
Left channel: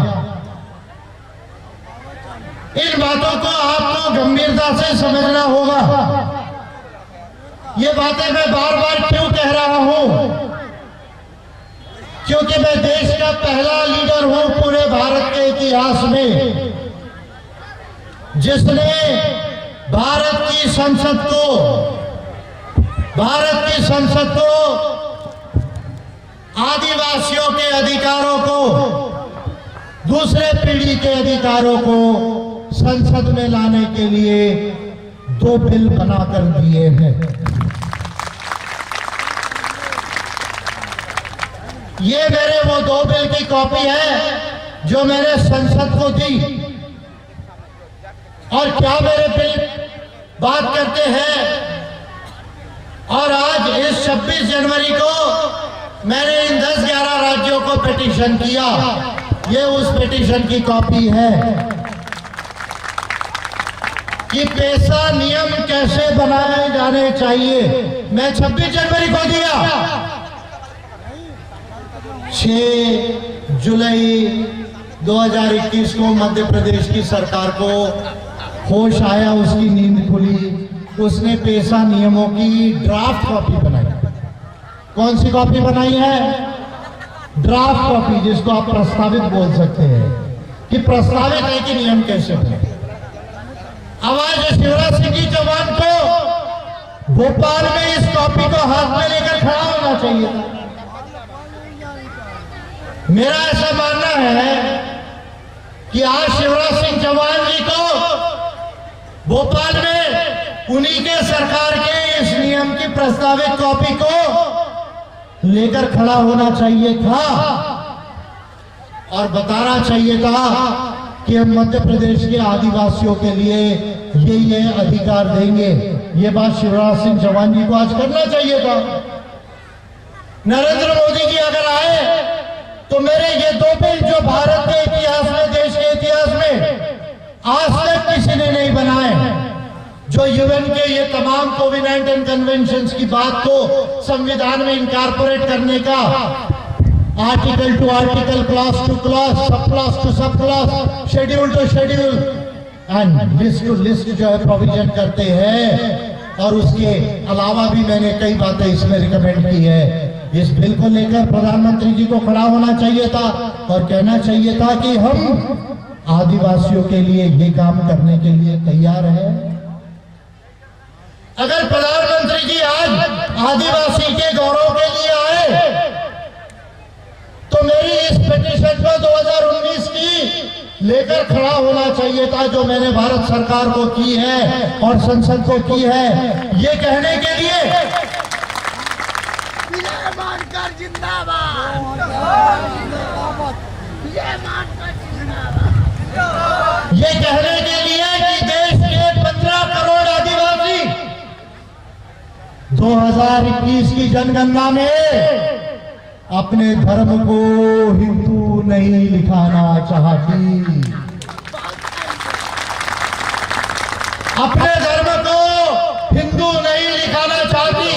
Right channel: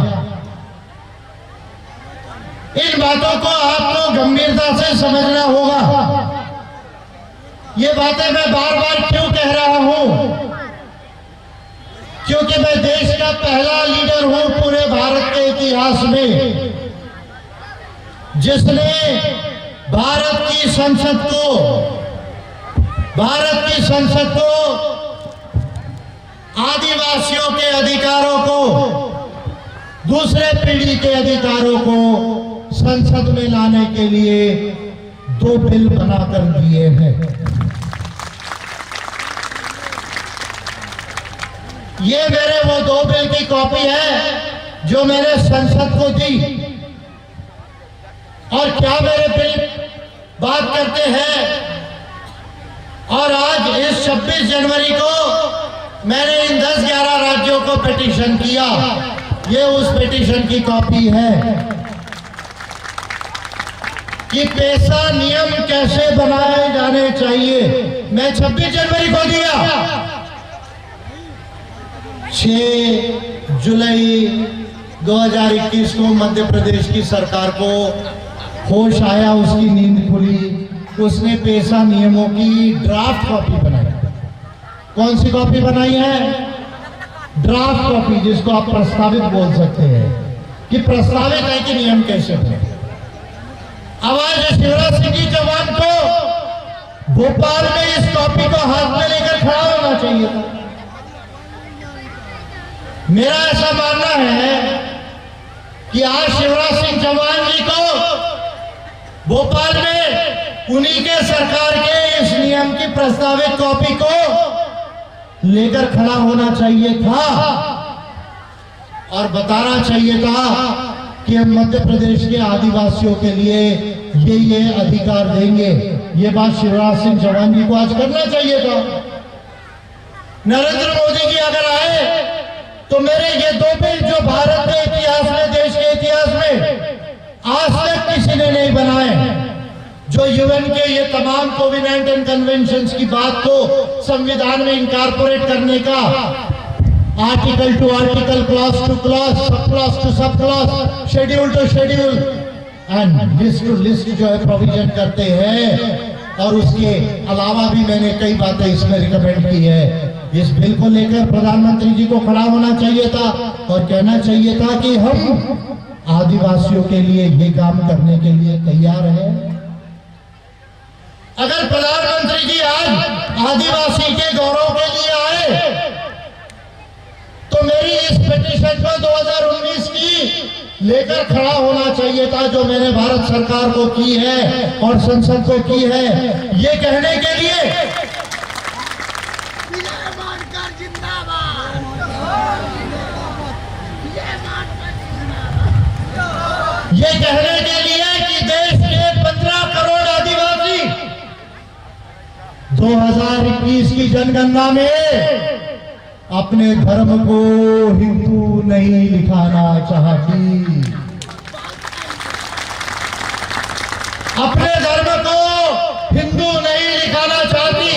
इन बातों को आपको गंभीरता से समझना होगा। ये बातें मैं बार बार क्यों कह रहा हूं? क्योंकि मैं देश का पहला लीडर हूं पूरे भारत के इतिहास में जिसने भारत की संसद को आदिवासियों के अधिकारों को, दूसरे पीढ़ी के अधिकारों को संसद में लाने के लिए 2 बिल बनाकर दिए हैं। ये मेरे वो 2 बिल की कॉपी है जो मैंने संसद को दी। और क्या मेरे बिल बात करते हैं? और आज इस 26 जनवरी को मैंने इन 10-11 राज्यों को पिटीशन किया। ये उस पिटीशन की कॉपी है कि पेशा नियम कैसे बनाए जाने चाहिए। मैं 26 जनवरी को दिया। 6 जुलाई 2021 को मध्य प्रदेश की सरकार को होश आया, उसकी नींद खुली, उसने पेशा नियमों की ड्राफ्ट कॉपी बनाई। कौन सी कॉपी बनाई है? ड्राफ्ट कॉपी, जिसको आप प्रस्तावित बोल सकते हैं कि प्रस्तावित है कि नियम कैसे बने। अब आज शिवराज सिंह जी चौहान को भोपाल में इस कॉपी को हाथ में लेकर खड़ा होना चाहिए था। मेरा ऐसा मानना है कि आज शिवराज सिंह चौहान जी को भोपाल में उन्हीं के सरकार के इस नियम की प्रस्तावित कॉपी को लेकर खड़ा होना चाहिए था और बताना चाहिए था कि हम मध्य प्रदेश के आदिवासियों के लिए ये अधिकार देंगे। ये बात शिवराज सिंह चौहान जी को आज करना चाहिए था। नरेंद्र मोदी जी अगर आए तो मेरे ये 2 बिल जो भारत के इतिहास में, देश के इतिहास में आज तक किसी ने नहीं बनाए, जो यूएन के ये तमाम कोविड-19 कन्वेंशंस की बात को संविधान में इनकॉर्पोरेट करने का, article to article, clause to clause, sub clause to sub clause, schedule to schedule and list to list जो है प्रोविजन करते हैं। और उसके अलावा भी मैंने कई बातें इसमें रिकमेंड की है। इस बिल को लेकर प्रधानमंत्री जी को खड़ा होना चाहिए था और कहना चाहिए था कि हम आदिवासियों के लिए ये काम करने के लिए तैयार हैं। अगर प्रधानमंत्री जी आज आदिवासी के गौरव के लिए आए तो मेरी इस पिटीशन को 2019 की लेकर खड़ा होना चाहिए था, जो मैंने भारत सरकार को की है और संसद को की है, ये कहने के लिए ये कहने के लिए कि देश के 15 करोड़ आदिवासी 2021 की जनगणना में अपने धर्म को हिंदू नहीं लिखाना चाहती, अपने धर्म को हिंदू नहीं लिखाना चाहती।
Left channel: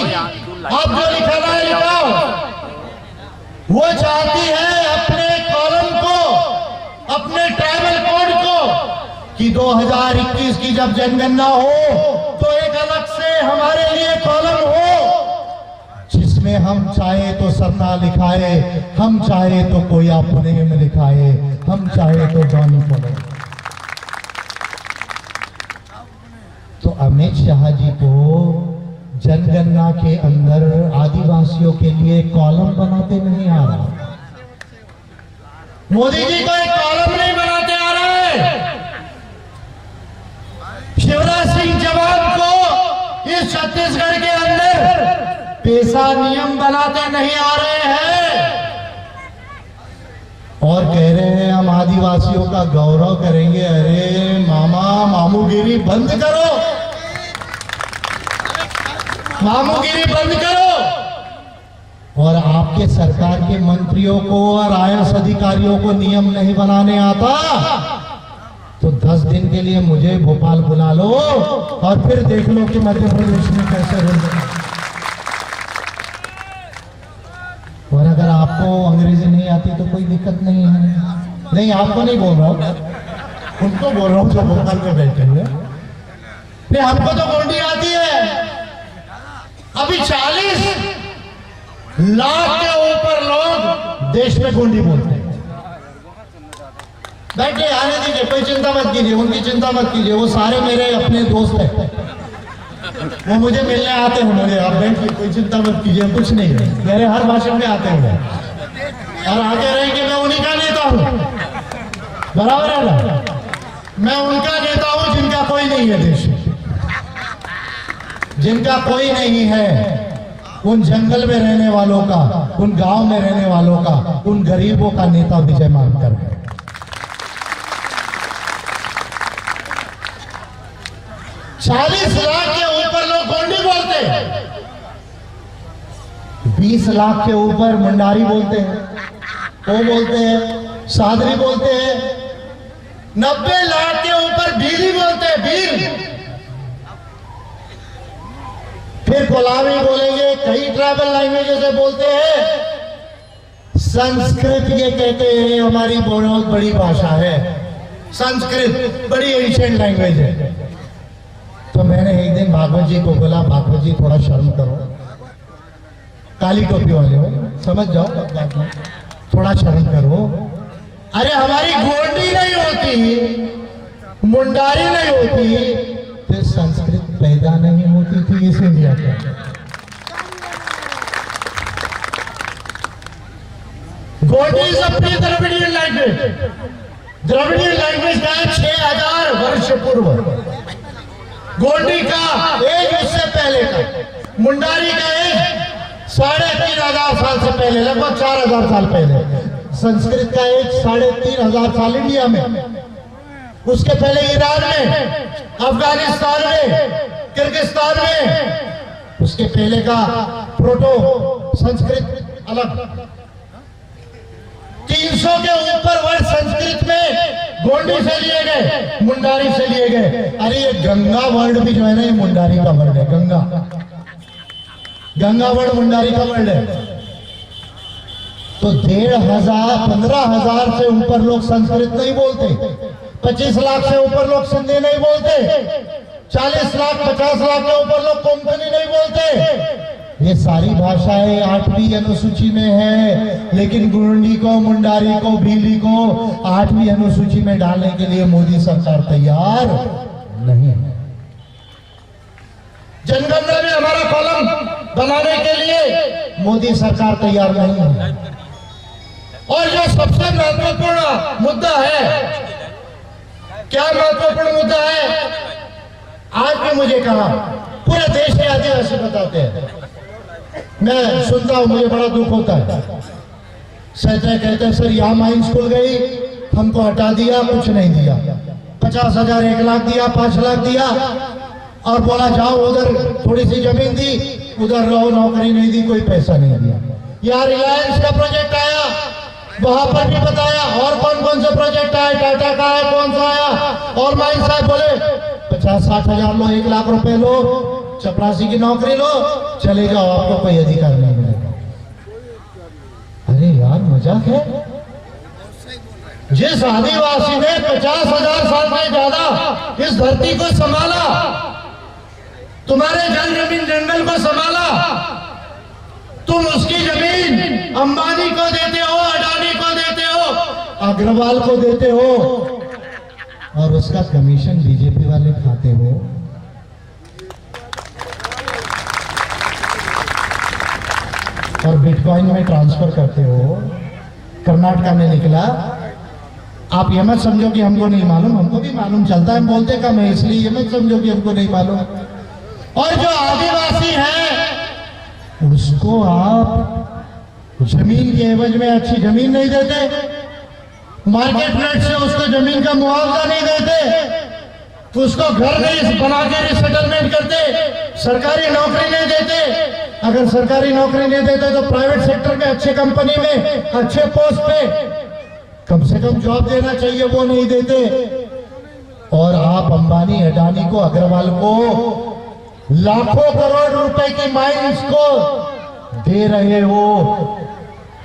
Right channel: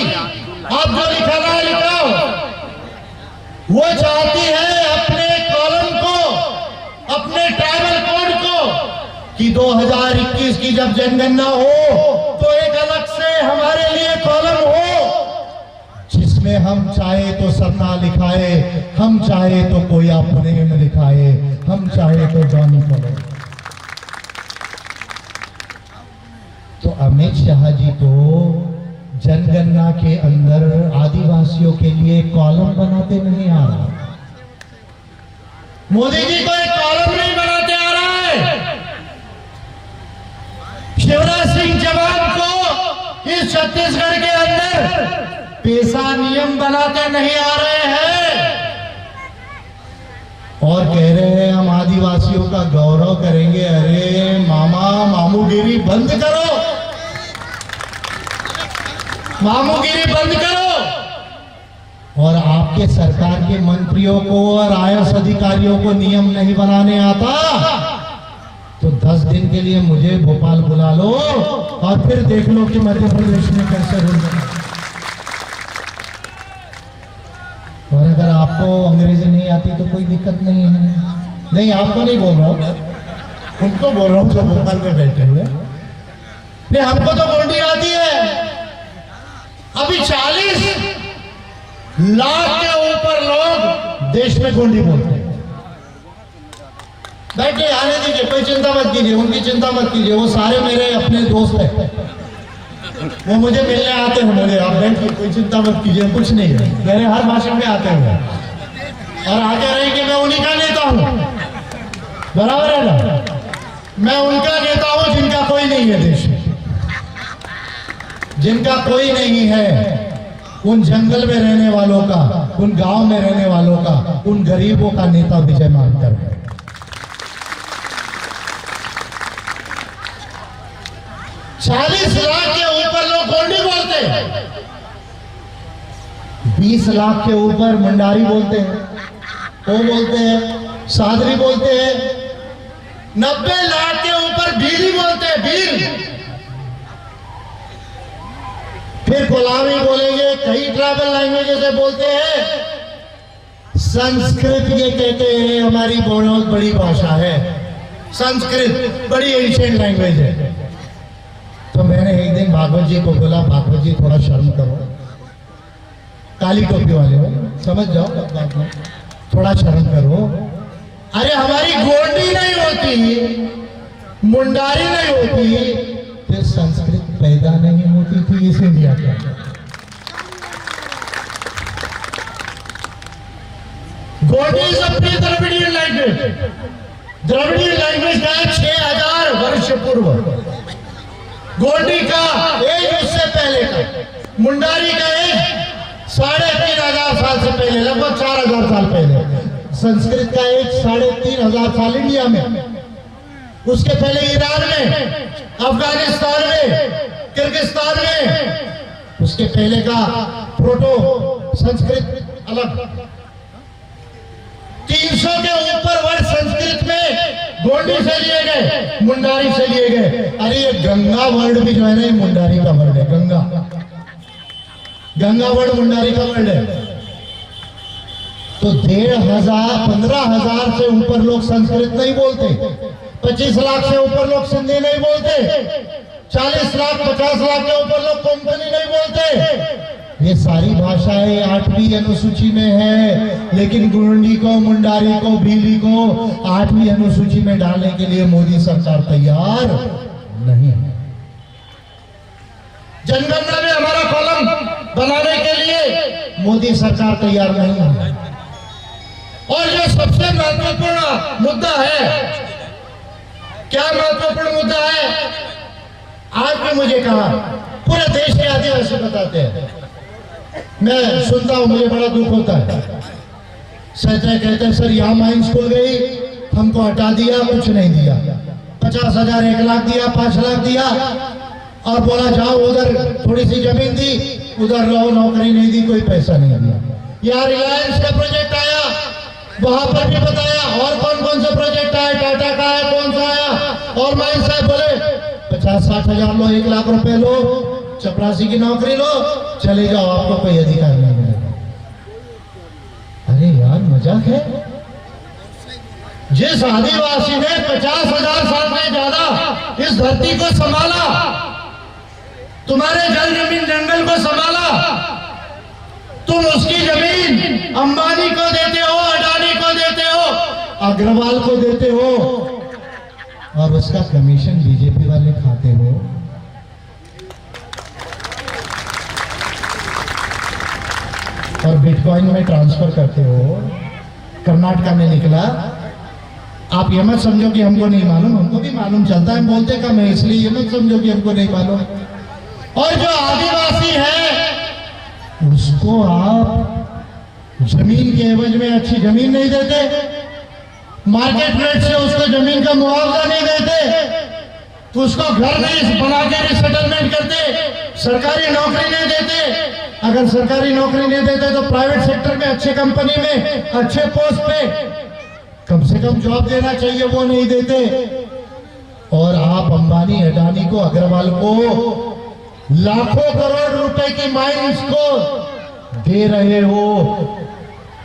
आप जो लिखाना है लिखाओ। वो चाहती है अपने कॉलम को, अपने ट्राइबल कोड को कि 2021 की जब जनगणना हो तो एक अलग से हमारे लिए कॉलम हो जिसमें हम चाहे तो सरना लिखाए, हम चाहे तो कोई अपने में लिखाए, हम चाहे तो जॉनी पढ़े। तो अमित शाह जी को जनगणना के अंदर आदिवासियों के लिए कॉलम बनाते नहीं आ रहा, मोदी जी को एक कॉलम नहीं बनाते आ रहा है। शिवराज सिंह चौहान को इस छत्तीसगढ़ के अंदर पेशा नियम बनाते नहीं आ रहे हैं और कह रहे हैं हम आदिवासियों का गौरव करेंगे। अरे मामा, मामूगिरी बंद करो, मामूगिरी बंद करो। और आपके सरकार के मंत्रियों को और आईएएस अधिकारियों को नियम नहीं बनाने आता तो 10 दिन के लिए मुझे भोपाल बुला लो और फिर देख लो कि मध्य प्रदेश में कैसे होगा। और अगर आपको अंग्रेजी नहीं आती तो कोई दिक्कत नहीं है। नहीं, आपको नहीं बोल रहा हूं, उनको बोल रहा हूं जो भोपाल में बैठे हुए। नहीं, हमको तो गोंडी आती है। अभी 40 लाख के ऊपर लोग देश में गोंडी बोलते हैं। बैठे, आने दीजिए, कोई चिंता मत कीजिए, उनकी चिंता मत कीजिए, वो सारे मेरे अपने दोस्त हैं, वो मुझे मिलने आते हैं। मुझे आप बैठिए, कोई चिंता मत कीजिए, कुछ नहीं है, मेरे हर भाषण में आते हैं और आगे रहे कि मैं उन्हीं का नेता हूं। बराबर है ना? मैं उनका नेता हूं जिनका कोई नहीं है देश में, जिनका कोई नहीं है। उन जंगल में रहने वालों का, उन गांव में रहने वालों का, उन गरीबों का नेता विजय मानकर है। 40 लाख के ऊपर लोग गोंडी बोलते हैं, 20 लाख के ऊपर मुंडारी बोलते हैं, वो बोलते हैं, सादरी बोलते हैं, 90 लाख के ऊपर भीली बोलते हैं, भील। फिर कोलावी बोलेंगे, कई ट्राइबल लैंग्वेजेस से बोलते हैं। संस्कृत ये कहते हैं हमारी बहुत बड़ी भाषा है, संस्कृत बड़ी एंशिएंट लैंग्वेज है। तो मैंने एक दिन भागवत जी को बोला, भागवत जी थोड़ा शर्म करो, काली टोपी वाले हो, समझ जाओ, थोड़ा शर्म करो। अरे हमारी गोंडी नहीं होती, मुंडारी नहीं होती, फिर संस्कृत पैदा नहीं होती थी इस इंडिया के। Gondi is a pre Dravidian language. Dravidian language का 6000 वर्ष पूर्व। गोंडी का एज उससे पहले का, मुंडारी का एज 3500 साल से पहले, लगभग 4000 साल पहले। संस्कृत का एज 3500 साल इंडिया में, उसके पहले ईरान में, अफगानिस्तान में, किर्गिस्तान में, उसके पहले का प्रोटो संस्कृत अलग। 300 के ऊपर वर्ष संस्कृत में गोंडी से लिए गए, मुंडारी से लिए गए। अरे ये गंगा वर्ड भी जो है ना, ये मुंडारी का वर्ड है। गंगा, गंगा वर्ड मुंडारी का वर्ड है। तो 15,000 से ऊपर लोग संस्कृत नहीं बोलते, 25 लाख से ऊपर लोग सिंधी नहीं बोलते, 40 लाख 50 लाख के ऊपर लोग कोंकणी नहीं बोलते। ये सारी भाषाएं 8वीं अनुसूची में है, लेकिन गोंडी को, मुंडारी को, भीली को 8वीं अनुसूची में डालने के लिए मोदी सरकार तैयार नहीं है। जनगणना में हमारा कॉलम बनाने के लिए मोदी सरकार तैयार नहीं है। और जो सबसे महत्वपूर्ण मुद्दा है, क्या महत्वपूर्ण मुद्दा है? आज भी मुझे कहा, पूरे देश के आदिवासी बताते हैं, मैं सुनता हूं, मुझे बड़ा दुख होता है। सहते कहते हैं सर यहाँ माइन स्कूल गई, हमको हटा दिया, कुछ नहीं दिया, 50,000 1 लाख दिया, 5 लाख दिया और बोला जाओ उधर थोड़ी सी जमीन दी, उधर रहो, नौकरी नहीं दी, कोई पैसा नहीं दिया। यहाँ रिलायंस का प्रोजेक्ट आया, वहां पर भी बताया, और कौन कौन से प्रोजेक्ट आए, टाटा का है, कौन सा आया, और माइन साहब बोले 50-60 हजार लो, 1 लाख रुपए लो, चपरासी की नौकरी लो, चले जाओ, आपको कोई अधिकार नहीं मिलेगा। अरे यार मजाक है। जिस आदिवासी ने 50,000 साल में ज्यादा इस धरती को संभाला, तुम्हारे जल जमीन जंगल को संभाला, तुम उसकी जमीन अंबानी को देते हो, अडानी को देते हो, अग्रवाल को देते हो, और उसका कमीशन बीजेपी वाले खाते हो। और बिटकॉइन में ट्रांसफर करते हो। कर्नाटका में निकला। आप ये मत समझो कि हमको नहीं मालूम, हमको भी मालूम चलता है, बोलते कम है, इसलिए ये मत समझो कि हमको नहीं मालूम। और जो आदिवासी है उसको आप जमीन के एवज में अच्छी जमीन नहीं देते, मार्केट रेट से उसको जमीन का मुआवजा नहीं देते, तो उसको घर नहीं बना के रिसेटलमेंट करते, सरकारी नौकरी नहीं देते। अगर सरकारी नौकरी नहीं देते तो प्राइवेट सेक्टर में अच्छे कंपनी में अच्छे पोस्ट पे कम से कम जॉब देना चाहिए, वो नहीं देते। और आप अंबानी, अडानी को, अग्रवाल को लाखों करोड़ रुपए की माइंस को दे रहे हो।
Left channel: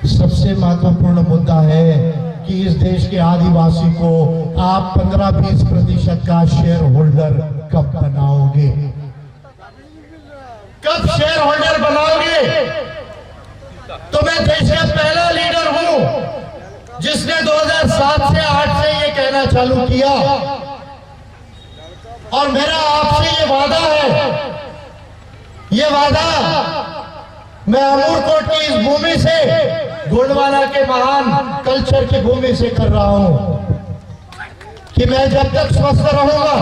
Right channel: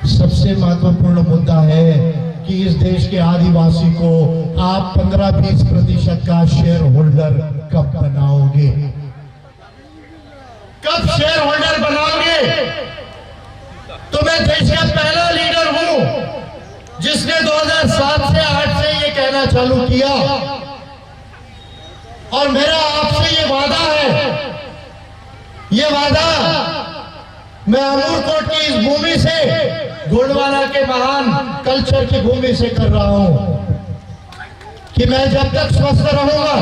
सबसे महत्वपूर्ण मुद्दा है कि इस देश के आदिवासी को आप 15-20% का शेयर होल्डर कब बनाओगे? कब शेयर होल्डर बनाओगे? तो मैं देश का पहला लीडर हूं जिसने 2007 से 8 से ये कहना चालू किया, और मेरा आपसे ये वादा है, ये वादा मैं अमूरकोट की इस भूमि से, गोंडवाना के महान कल्चर की भूमि से कर रहा हूं कि मैं जब तक स्वस्थ रहूंगा,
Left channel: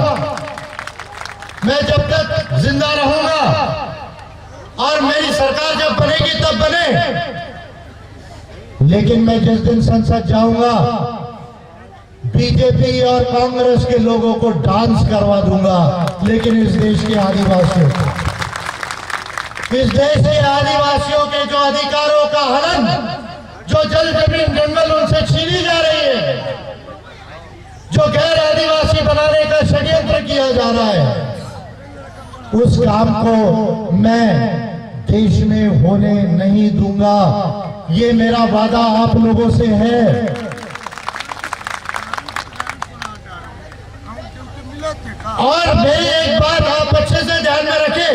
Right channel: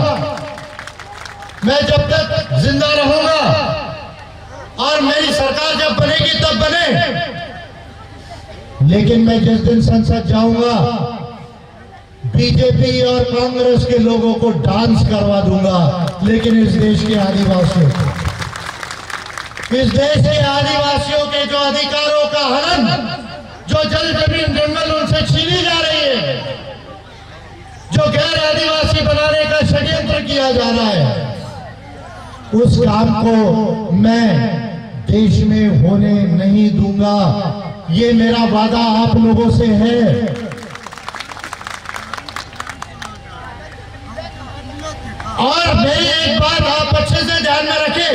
मैं जब तक जिंदा रहूंगा, और मेरी सरकार जब बनेगी तब बने, लेकिन मैं जिस दिन संसद जाऊंगा बीजेपी और कांग्रेस के लोगों को डांस करवा दूंगा, लेकिन इस देश के आदिवासियों को, इस देश के आदिवासियों के जो अधिकारों का हनन, जो जल जमीन जंगल उनसे छीनी जा रही है, जो गैर आदिवासी बनाने का षड्यंत्र किया जा रहा है, उस काम को मैं देश में होने नहीं दूंगा। ये मेरा वादा आप लोगों से है। और मेरी एक बात आप अच्छे से ध्यान में रखें,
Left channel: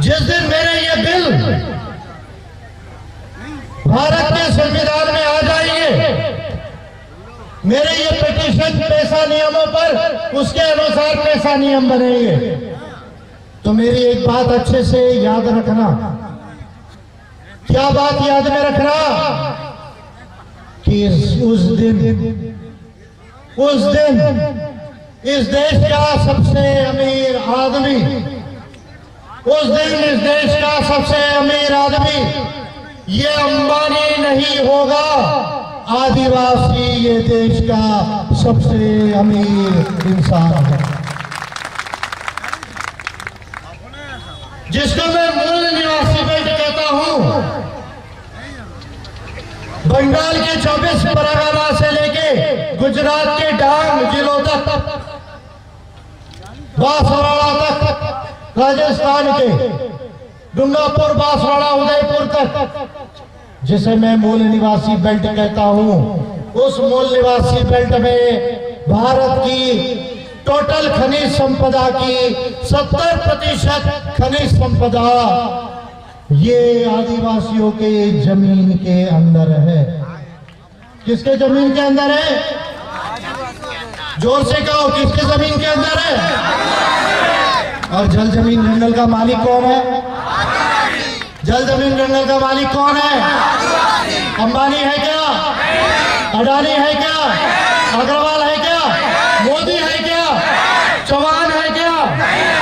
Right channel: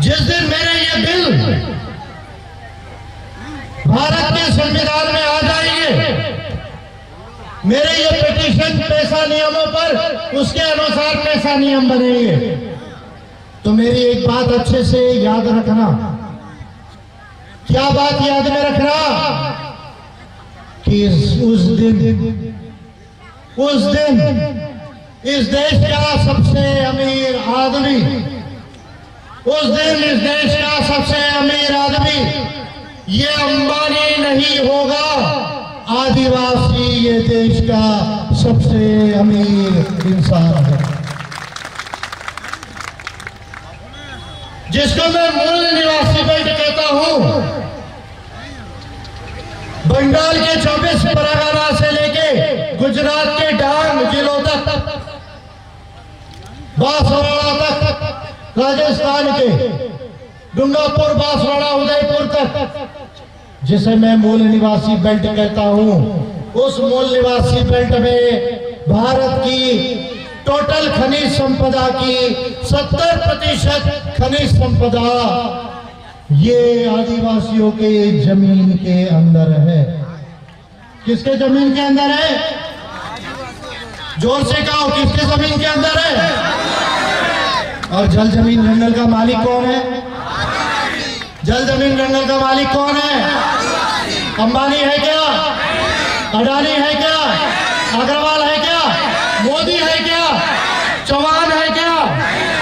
जिस दिन मेरे ये बिल भारत के संविधान में आ जाएंगे, मेरे ये पिटीशन पैसा नियमों पर, उसके अनुसार पैसा नियम बनेंगे, तो मेरी एक बात अच्छे से याद रखना। क्या बात याद में रखना? कि उस दिन इस देश का सबसे अमीर आदमी, उस दिन इस देश का सबसे अमीर आदमी ये अंबानी नहीं होगा, आदिवासी ये देश का सबसे अमीर इंसान है, जिसको मैं मूल निवासी बेल्ट कहता हूं। बंगाल के 24 परगना से लेके गुजरात के डांग जिलों तक, बांसवाड़ा तक, राजस्थान के डूंगरपुर, बांसवाड़ा, उदयपुर तक, जिसे मैं मूल निवासी बेल्ट कहता हूं, उस मूल निवासी बेल्ट में भारत की टोटल खनिज संपदा की 70% खनिज संपदा ये आदिवासियों के जमीन के अंदर है। किसके जमीन के अंदर है? जोर से कहो, किसके जमीन के अंदर है? और जल जमीन जंगल का मालिक कौन है? जल जमीन जंगल का मालिक कौन है? अंबानी है क्या? अडानी है क्या? अग्रवाल है क्या? मोदी है क्या? चौहान है क्या?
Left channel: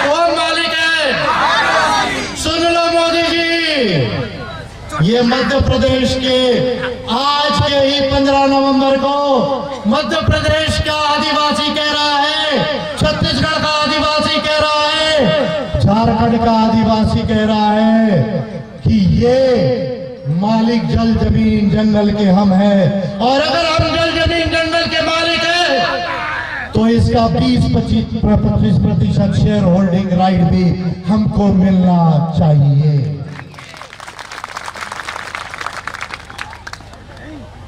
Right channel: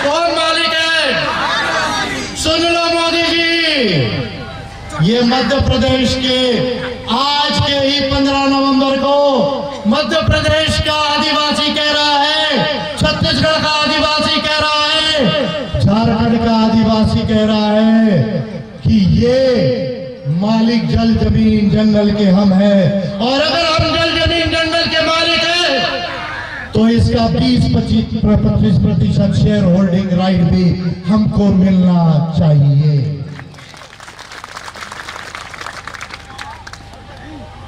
कौन मालिक है? सुन लो मोदी जी, ये मध्य प्रदेश के आज के ही 15 नवंबर को मध्य प्रदेश का आदिवासी कह रहा है, छत्तीसगढ़ का आदिवासी कह रहा है, झारखंड का आदिवासी कह रहा है कि ये मालिक जल जमीन जंगल के हम हैं, और अगर हम जल जमीन जंगल के मालिक हैं तो इसका 20-25% शेयर होल्डिंग राइट भी हमको मिलना चाहिए।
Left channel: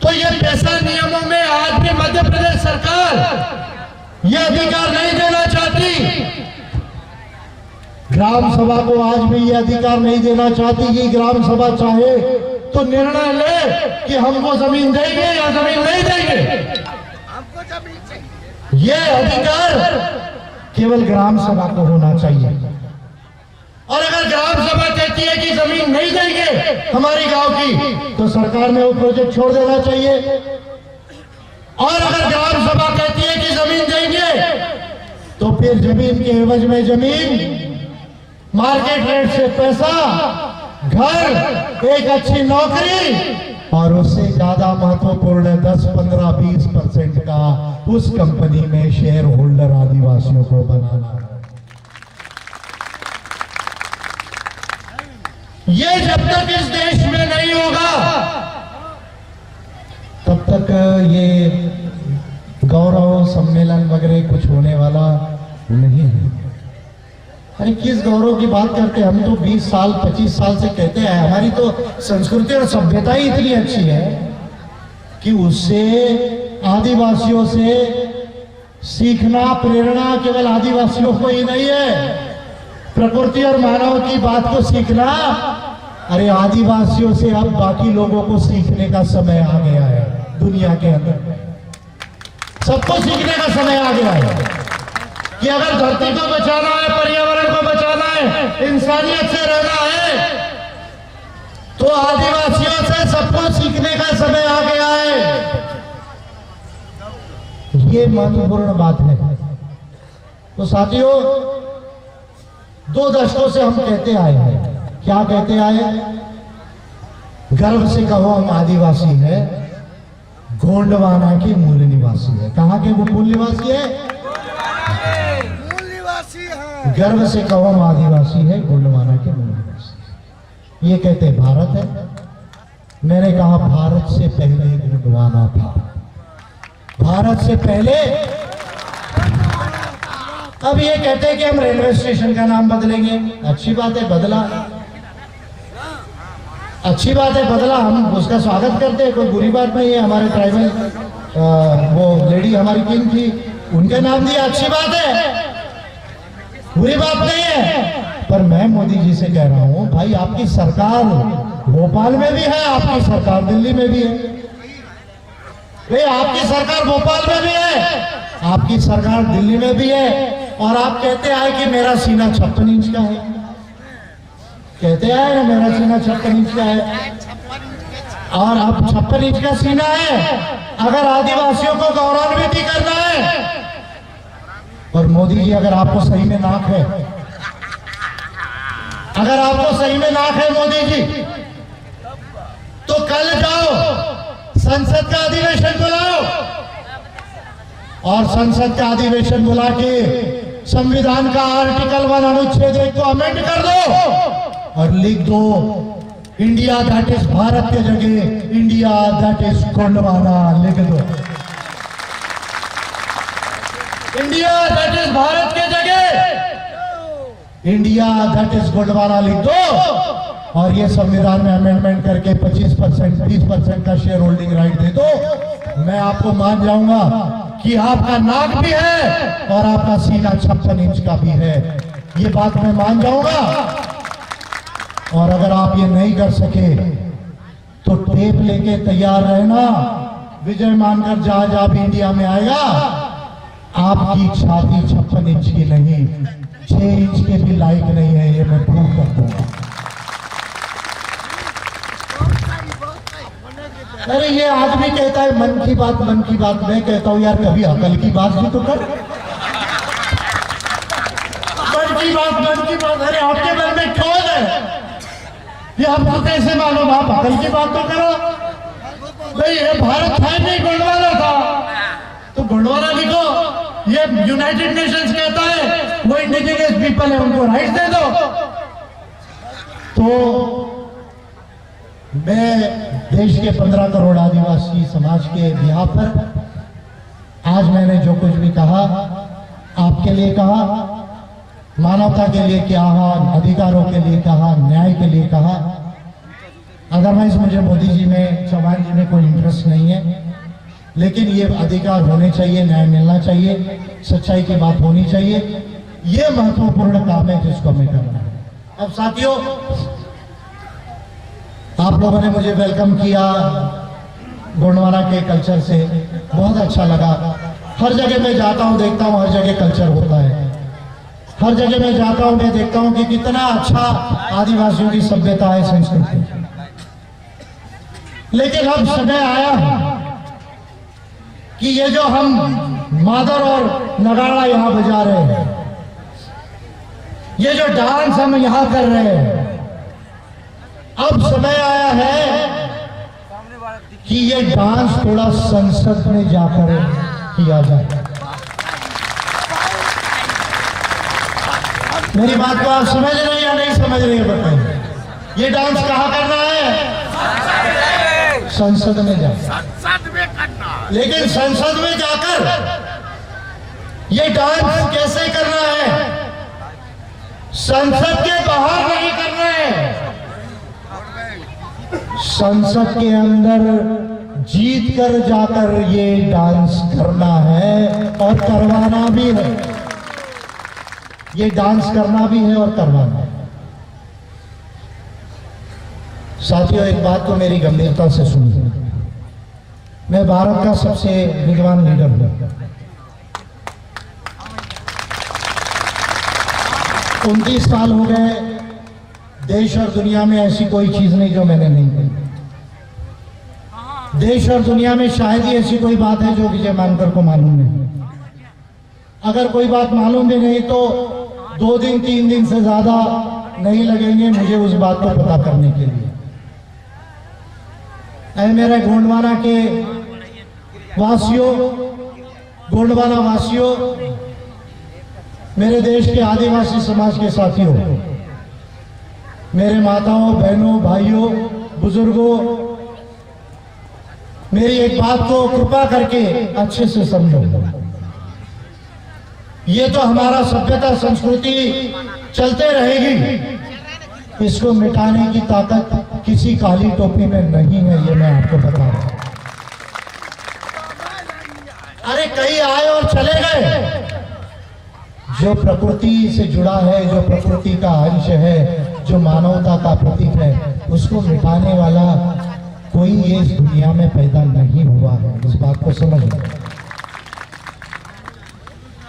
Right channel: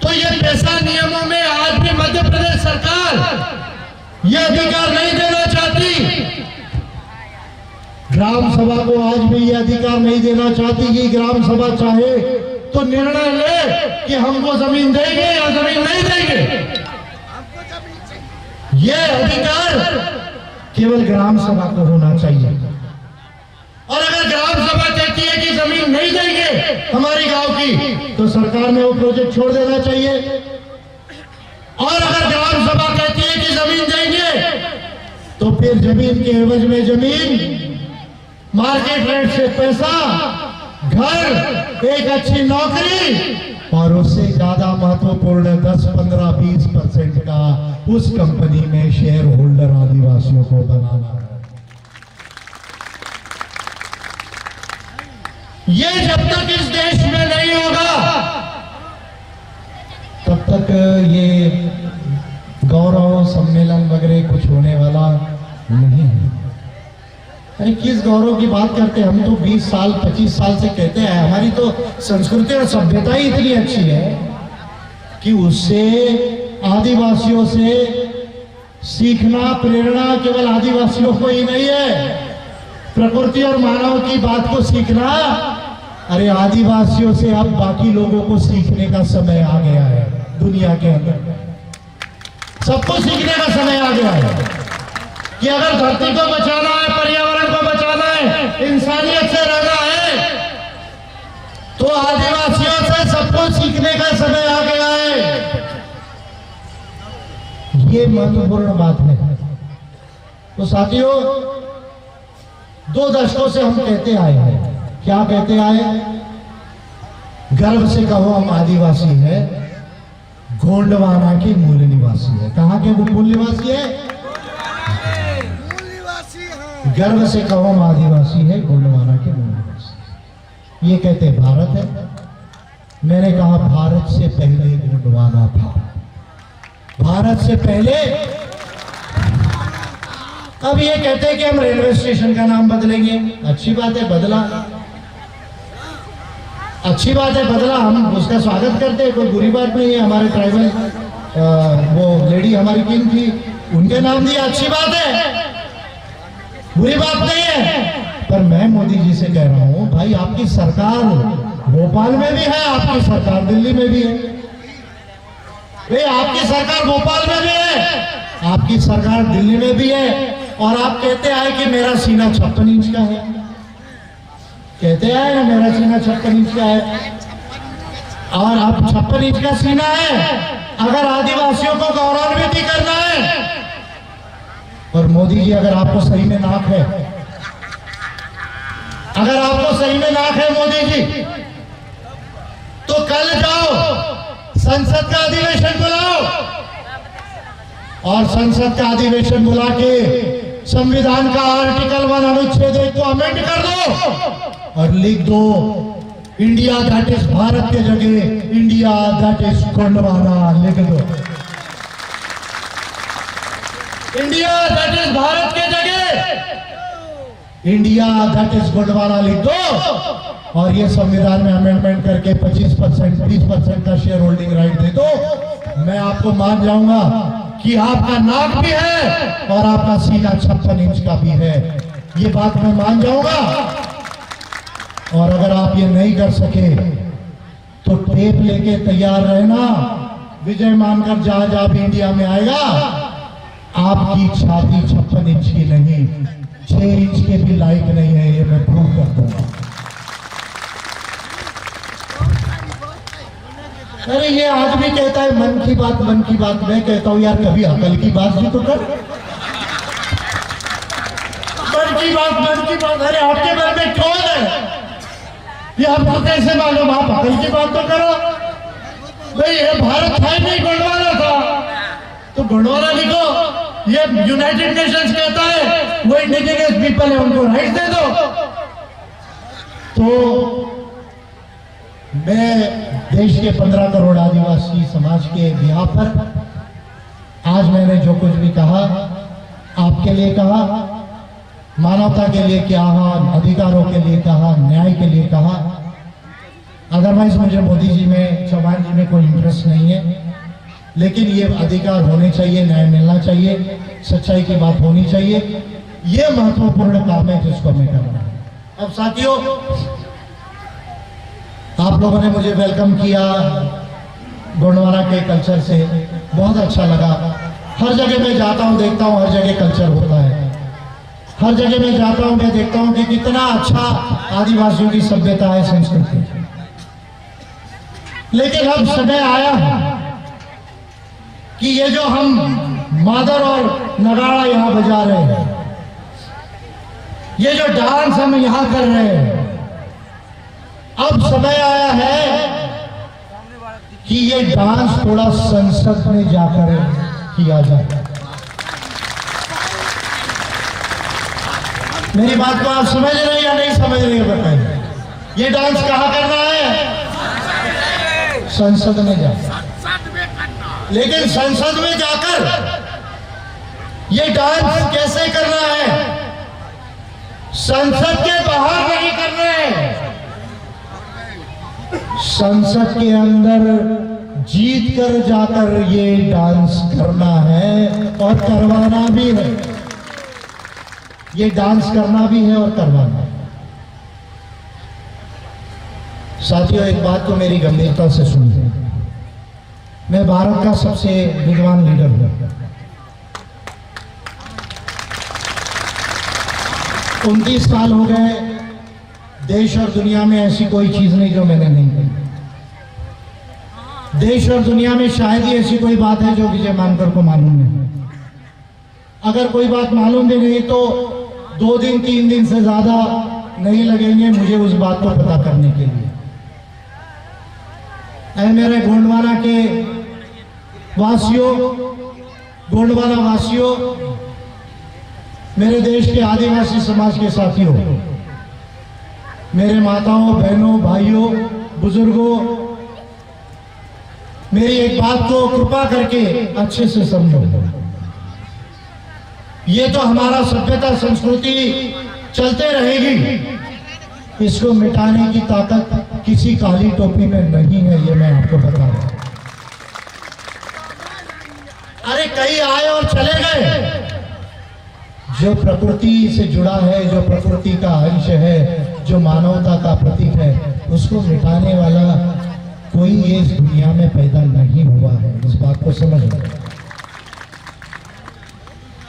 तो ये पैसा नियमों में आज भी मध्य प्रदेश सरकार ये अधिकार नहीं देना चाहती, ग्राम सभा को आज भी ये अधिकार नहीं देना चाहती कि ग्राम सभा चाहे तो निर्णय ले कि हमको जमीन देंगे या जमीन नहीं देंगे। ये अधिकार केवल ग्राम सभा को होना चाहिए, और अगर ग्राम सभा कहती है कि जमीन नहीं देंगे हमारी गांव की, तो सरकार ने वो प्रोजेक्ट छोड़ देना चाहिए। और अगर ग्राम सभा कहती है कि जमीन देंगे, तो फिर जमीन के एवज में जमीन, मार्केट रेट से पैसा, घर, एक अच्छी नौकरी और उससे ज्यादा महत्वपूर्ण 10, 15, 20% का उस कंपनी में शेयर होल्डर आदिवासियों को बनाना। ये जब तक इस देश में नहीं होगा तब तक ये गौरव सम्मेलन वगैरह कुछ होने वाला नहीं है। अरे किस गौरव की बात करते हैं? हम तो 20 साल 25 साल से कहते हैं, हमारी तो संस्कृति और सभ्यता ही इतनी अच्छी है कि उससे आदिवासियों से सीखना, प्रेरणा केवल आदिवासियों को ही नहीं है, प्रकृति और मानव की बात को सीखना, अरे आदिवासियों से अब बाकी लोगों को सीखने का समय आ गया है। दुनिया के अंदर सबको सीखने का समय आ गया है कि अगर धरती को बचाना है, पर्यावरण को बचाना है, इंसानियत से रहना है, तो आदिवासियों से सबको सीखने का समय आ गया है। ये महत्वपूर्ण बात है। तो साथियों, 2 दशकों से हम कहते आए हैं, क्या कहते आए? गर्व से कहो हम आदिवासी है, गोंडवाना के मूल निवासी है। कहां के वो मूल निवासी है? गर्व से कहो हम आदिवासी है, गोंडवाना के मूल निवासी। ये कहते भारत है। मैंने कहा भारत से पहले गोंडवाना था, भारत से पहले। अब ये कहते हैं कि हम रेलवे स्टेशन का नाम बदलेंगे। अच्छी बात है, बदला, अच्छी बात है, बदला, हम उसका स्वागत करते हैं, कोई बुरी बात नहीं है। हमारे ट्राइबल वो लेडी हमारी किंग थी, उनके नाम दिया, अच्छी बात है, बुरी बात नहीं है। पर मैं मोदी जी से कह रहा हूं, भाई आपकी सरकार भोपाल में भी है, आपकी सरकार दिल्ली में भी है, भाई आपकी सरकार भोपाल में भी है, आपकी सरकार दिल्ली में भी है, और आप कहते आए कि मेरा सीना 56 इंच का है। कहते आए ना मेरा सीना 56 इंच का है, और अब 56 इंच का सीना है। अगर आदिवासियों को गौरवान्वित करना है, और मोदी जी अगर आपको सही में नाक है, अगर आपको सही में नाक है मोदी जी, तो कल जाओ संसद का अधिवेशन बुलाओ, और संसद का अधिवेशन बुला के संविधान का आर्टिकल 1 अनुच्छेद 1 को अमेंड कर दो और लिख दो, इंडिया दैट इज भारत के जगह इंडिया दैट इज गोंडवाना लिख दो। इंडिया दैट इज भारत के जगह इंडिया दैट इज गोंडवाना लिख दो, और ये संविधान में अमेंडमेंट करके 25%, 20% का शेयर होल्डिंग राइट दे दो। मैं आपको मान जाऊंगा कि आपका नाक भी है और आपका सीना 56 इंच का भी है, ये बात मैं मान जाऊंगा। और अगर आप ये नहीं कर सके तो टेप लेके तैयार रहना, विजय मानकर जहां भी इंडिया में आएगा, आपकी छाती 56 इंच की नहीं, 6 इंच के भी लायक नहीं है, ये मैं प्रूव कर दूंगा। अरे ये आदमी कहता है मन की बात, मन की बात। मैं कहता हूं यार कभी अकल की बात भी तो कर। मन की बात, मन की बात। अरे आपके मन में कौन है ये आपको कैसे मालूम? आप अकल की बात तो करो भाई। ये भारत था नहीं, गोंडवाना था, तो गोंडवाना लिखो। ये यूनाइटेड नेशंस कहता है वो इंडिजिनियस पीपल है, उनको राइट दे दो। तो मैं देश के 15 करोड़ आदिवासी समाज के बिहार पर आज मैंने जो कुछ भी कहा, आपके लिए कहा, मानवता के लिए कहा, अधिकारों के लिए कहा, न्याय के लिए कहा। अदरवाइज मुझे मोदी जी में, चौहान जी में कोई इंटरेस्ट नहीं है, लेकिन ये अधिकार होने चाहिए, न्याय मिलना चाहिए, सच्चाई की बात होनी चाहिए। ये महत्वपूर्ण काम है जिसको मैं कर रहा हूं। अब साथियों, आप लोगों ने मुझे वेलकम किया गोंडवाना के कल्चर से, बहुत अच्छा लगा। हर जगह मैं जाता हूं, देखता हूं, हर जगह कल्चर होता है। हर जगह मैं जाता हूं, मैं देखता हूं कि कितना अच्छा आदिवासियों की सभ्यता है, संस्कृति। लेकिन अब समय आया कि ये जो हम मादर और नगाड़ा यहां बजा रहे हैं, ये जो डांस हम यहां कर रहे हैं, अब समय आया है कि ये डांस थोड़ा संसद में जाकर किया जाए। मेरी बात को आप समझ रहे हैं या नहीं समझ रहे हैं बताइए। ये डांस कहाँ करना है? संसद में जाकर। लेकिन संसद में जाकर ये डांस कैसे करना है? संसद के बाहर नहीं करना है, संसद के अंदर जीत कर जाकर ये डांस करना है और करवाना भी है। ये डांस करना भी है और करवाना है। साथियों, एक बात तो मेरी गंभीरता से सुनिए। मैं भारत का सबसे विद्वान लीडर हूं। 29 साल हो गए, देश और दुनिया में ऐसी कोई चीज नहीं जो मैंने नहीं कही। देश और दुनिया में शायद ही ऐसी कोई बात है जो विजय मानकर को मालूम नहीं। अगर कोई बात मालूम भी नहीं तो 2 दिन 3 दिन से ज्यादा नहीं लगेंगे मुझे उस बात को पता करने के लिए। ऐ मेरे गोंडवाना के वासियों, गोंडवाना वासियों, मेरे देश के आदिवासी समाज के साथियों, मेरे माताओं, बहनों, भाइयों, बुजुर्गों, मेरी एक बात को कृपा करके अच्छे से समझो। ये तो हमारा सभ्यता संस्कृति चलते रहेगी, इसको मिटाने की ताकत किसी काली टोपी में नहीं है, ये मैं आपको बता रहा हूं। अरे कई आए और चले गए। जो प्रकृति से जुड़ा है, जो प्रकृति का अंश है, जो मानवता का प्रतीक है, उसको मिटाने वाला कोई ये इस दुनिया में पैदा नहीं हुआ है। इस बात को समझ लो।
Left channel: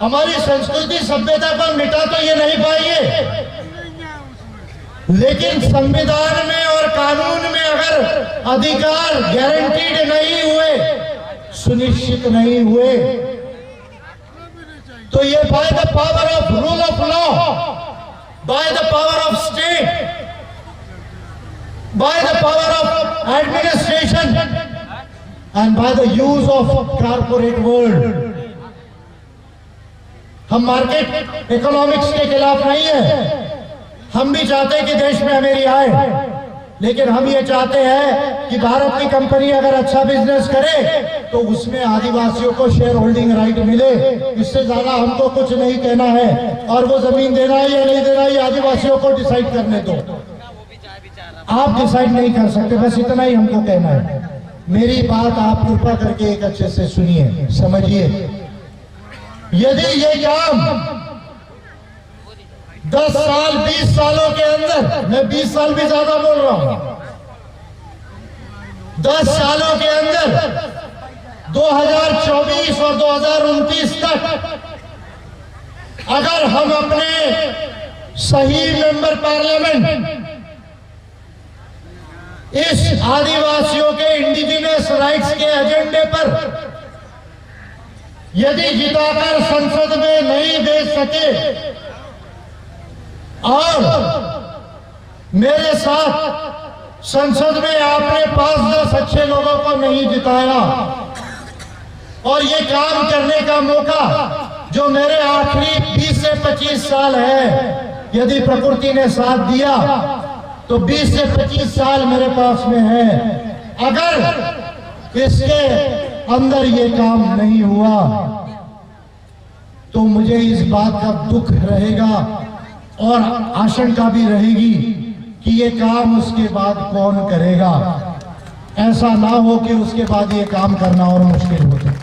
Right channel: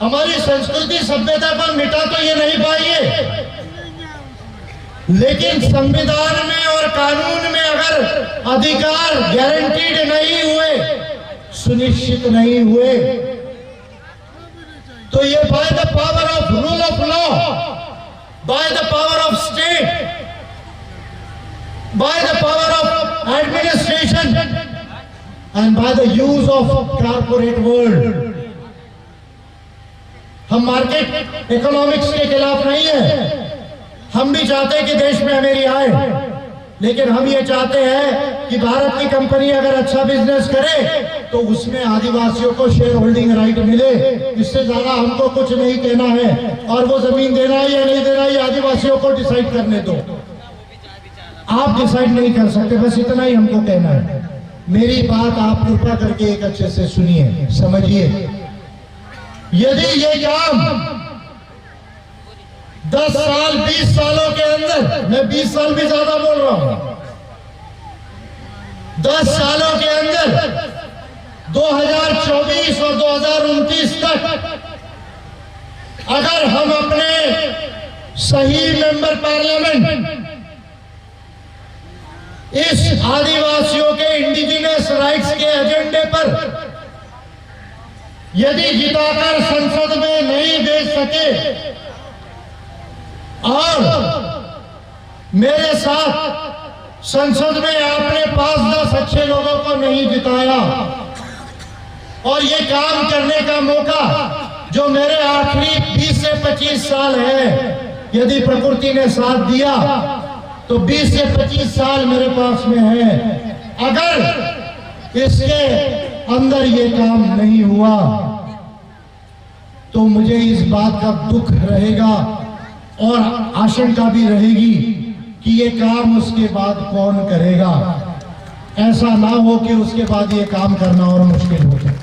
हमारी संस्कृति सभ्यता को मिटा तो ये नहीं पाएंगे, लेकिन संविधान में और कानून में अगर अधिकार गारंटीड नहीं हुए, सुनिश्चित नहीं हुए, तो ये by the power of rule of law, by the power of state, by the power of administration and by the use of corporate world. हम मार्केट इकोनॉमिक्स के खिलाफ नहीं है। हम भी चाहते हैं कि देश में अमीरी आए, लेकिन हम ये चाहते हैं कि भारत की कंपनी अगर अच्छा बिजनेस करे तो उसमें आदिवासियों को शेयर होल्डिंग राइट मिले। इससे ज्यादा हमको कुछ नहीं कहना है, और वो जमीन देना है या नहीं देना ये आदिवासियों को डिसाइड करने दो। आप डिसाइड नहीं कर सकते, बस इतना ही हमको कहना है। मेरी बात आप कृपा करके एक अच्छे से सुनिए, समझिए। यदि ये काम 10 साल 20 सालों के अंदर, मैं 20 साल भी ज्यादा बोल रहा हूं, 10 सालों के अंदर 2024 और 2029 तक अगर हम अपने सही मेंबर पार्लियामेंट इस आदिवासियों के इंडिजिनस राइट्स के एजेंडे पर यदि जिताकर संसद में नहीं दे सके और मेरे साथ संसद में आपने 5-10 अच्छे लोगों को नहीं जिताया और ये काम करने का मौका जो मेरे आखिरी 20 से 25 साल है, यदि प्रकृति ने साथ दिया तो 20 से 25 साल मेरे पास में है। अगर इसके अंदर ये काम नहीं हुआ तो मुझे इस बात का दुख रहेगा और आशंका भी रहेगी कि ये काम उसके बाद कौन करेगा। ऐसा ना हो कि उसके बाद ये काम करना और मुश्किल हो जाए।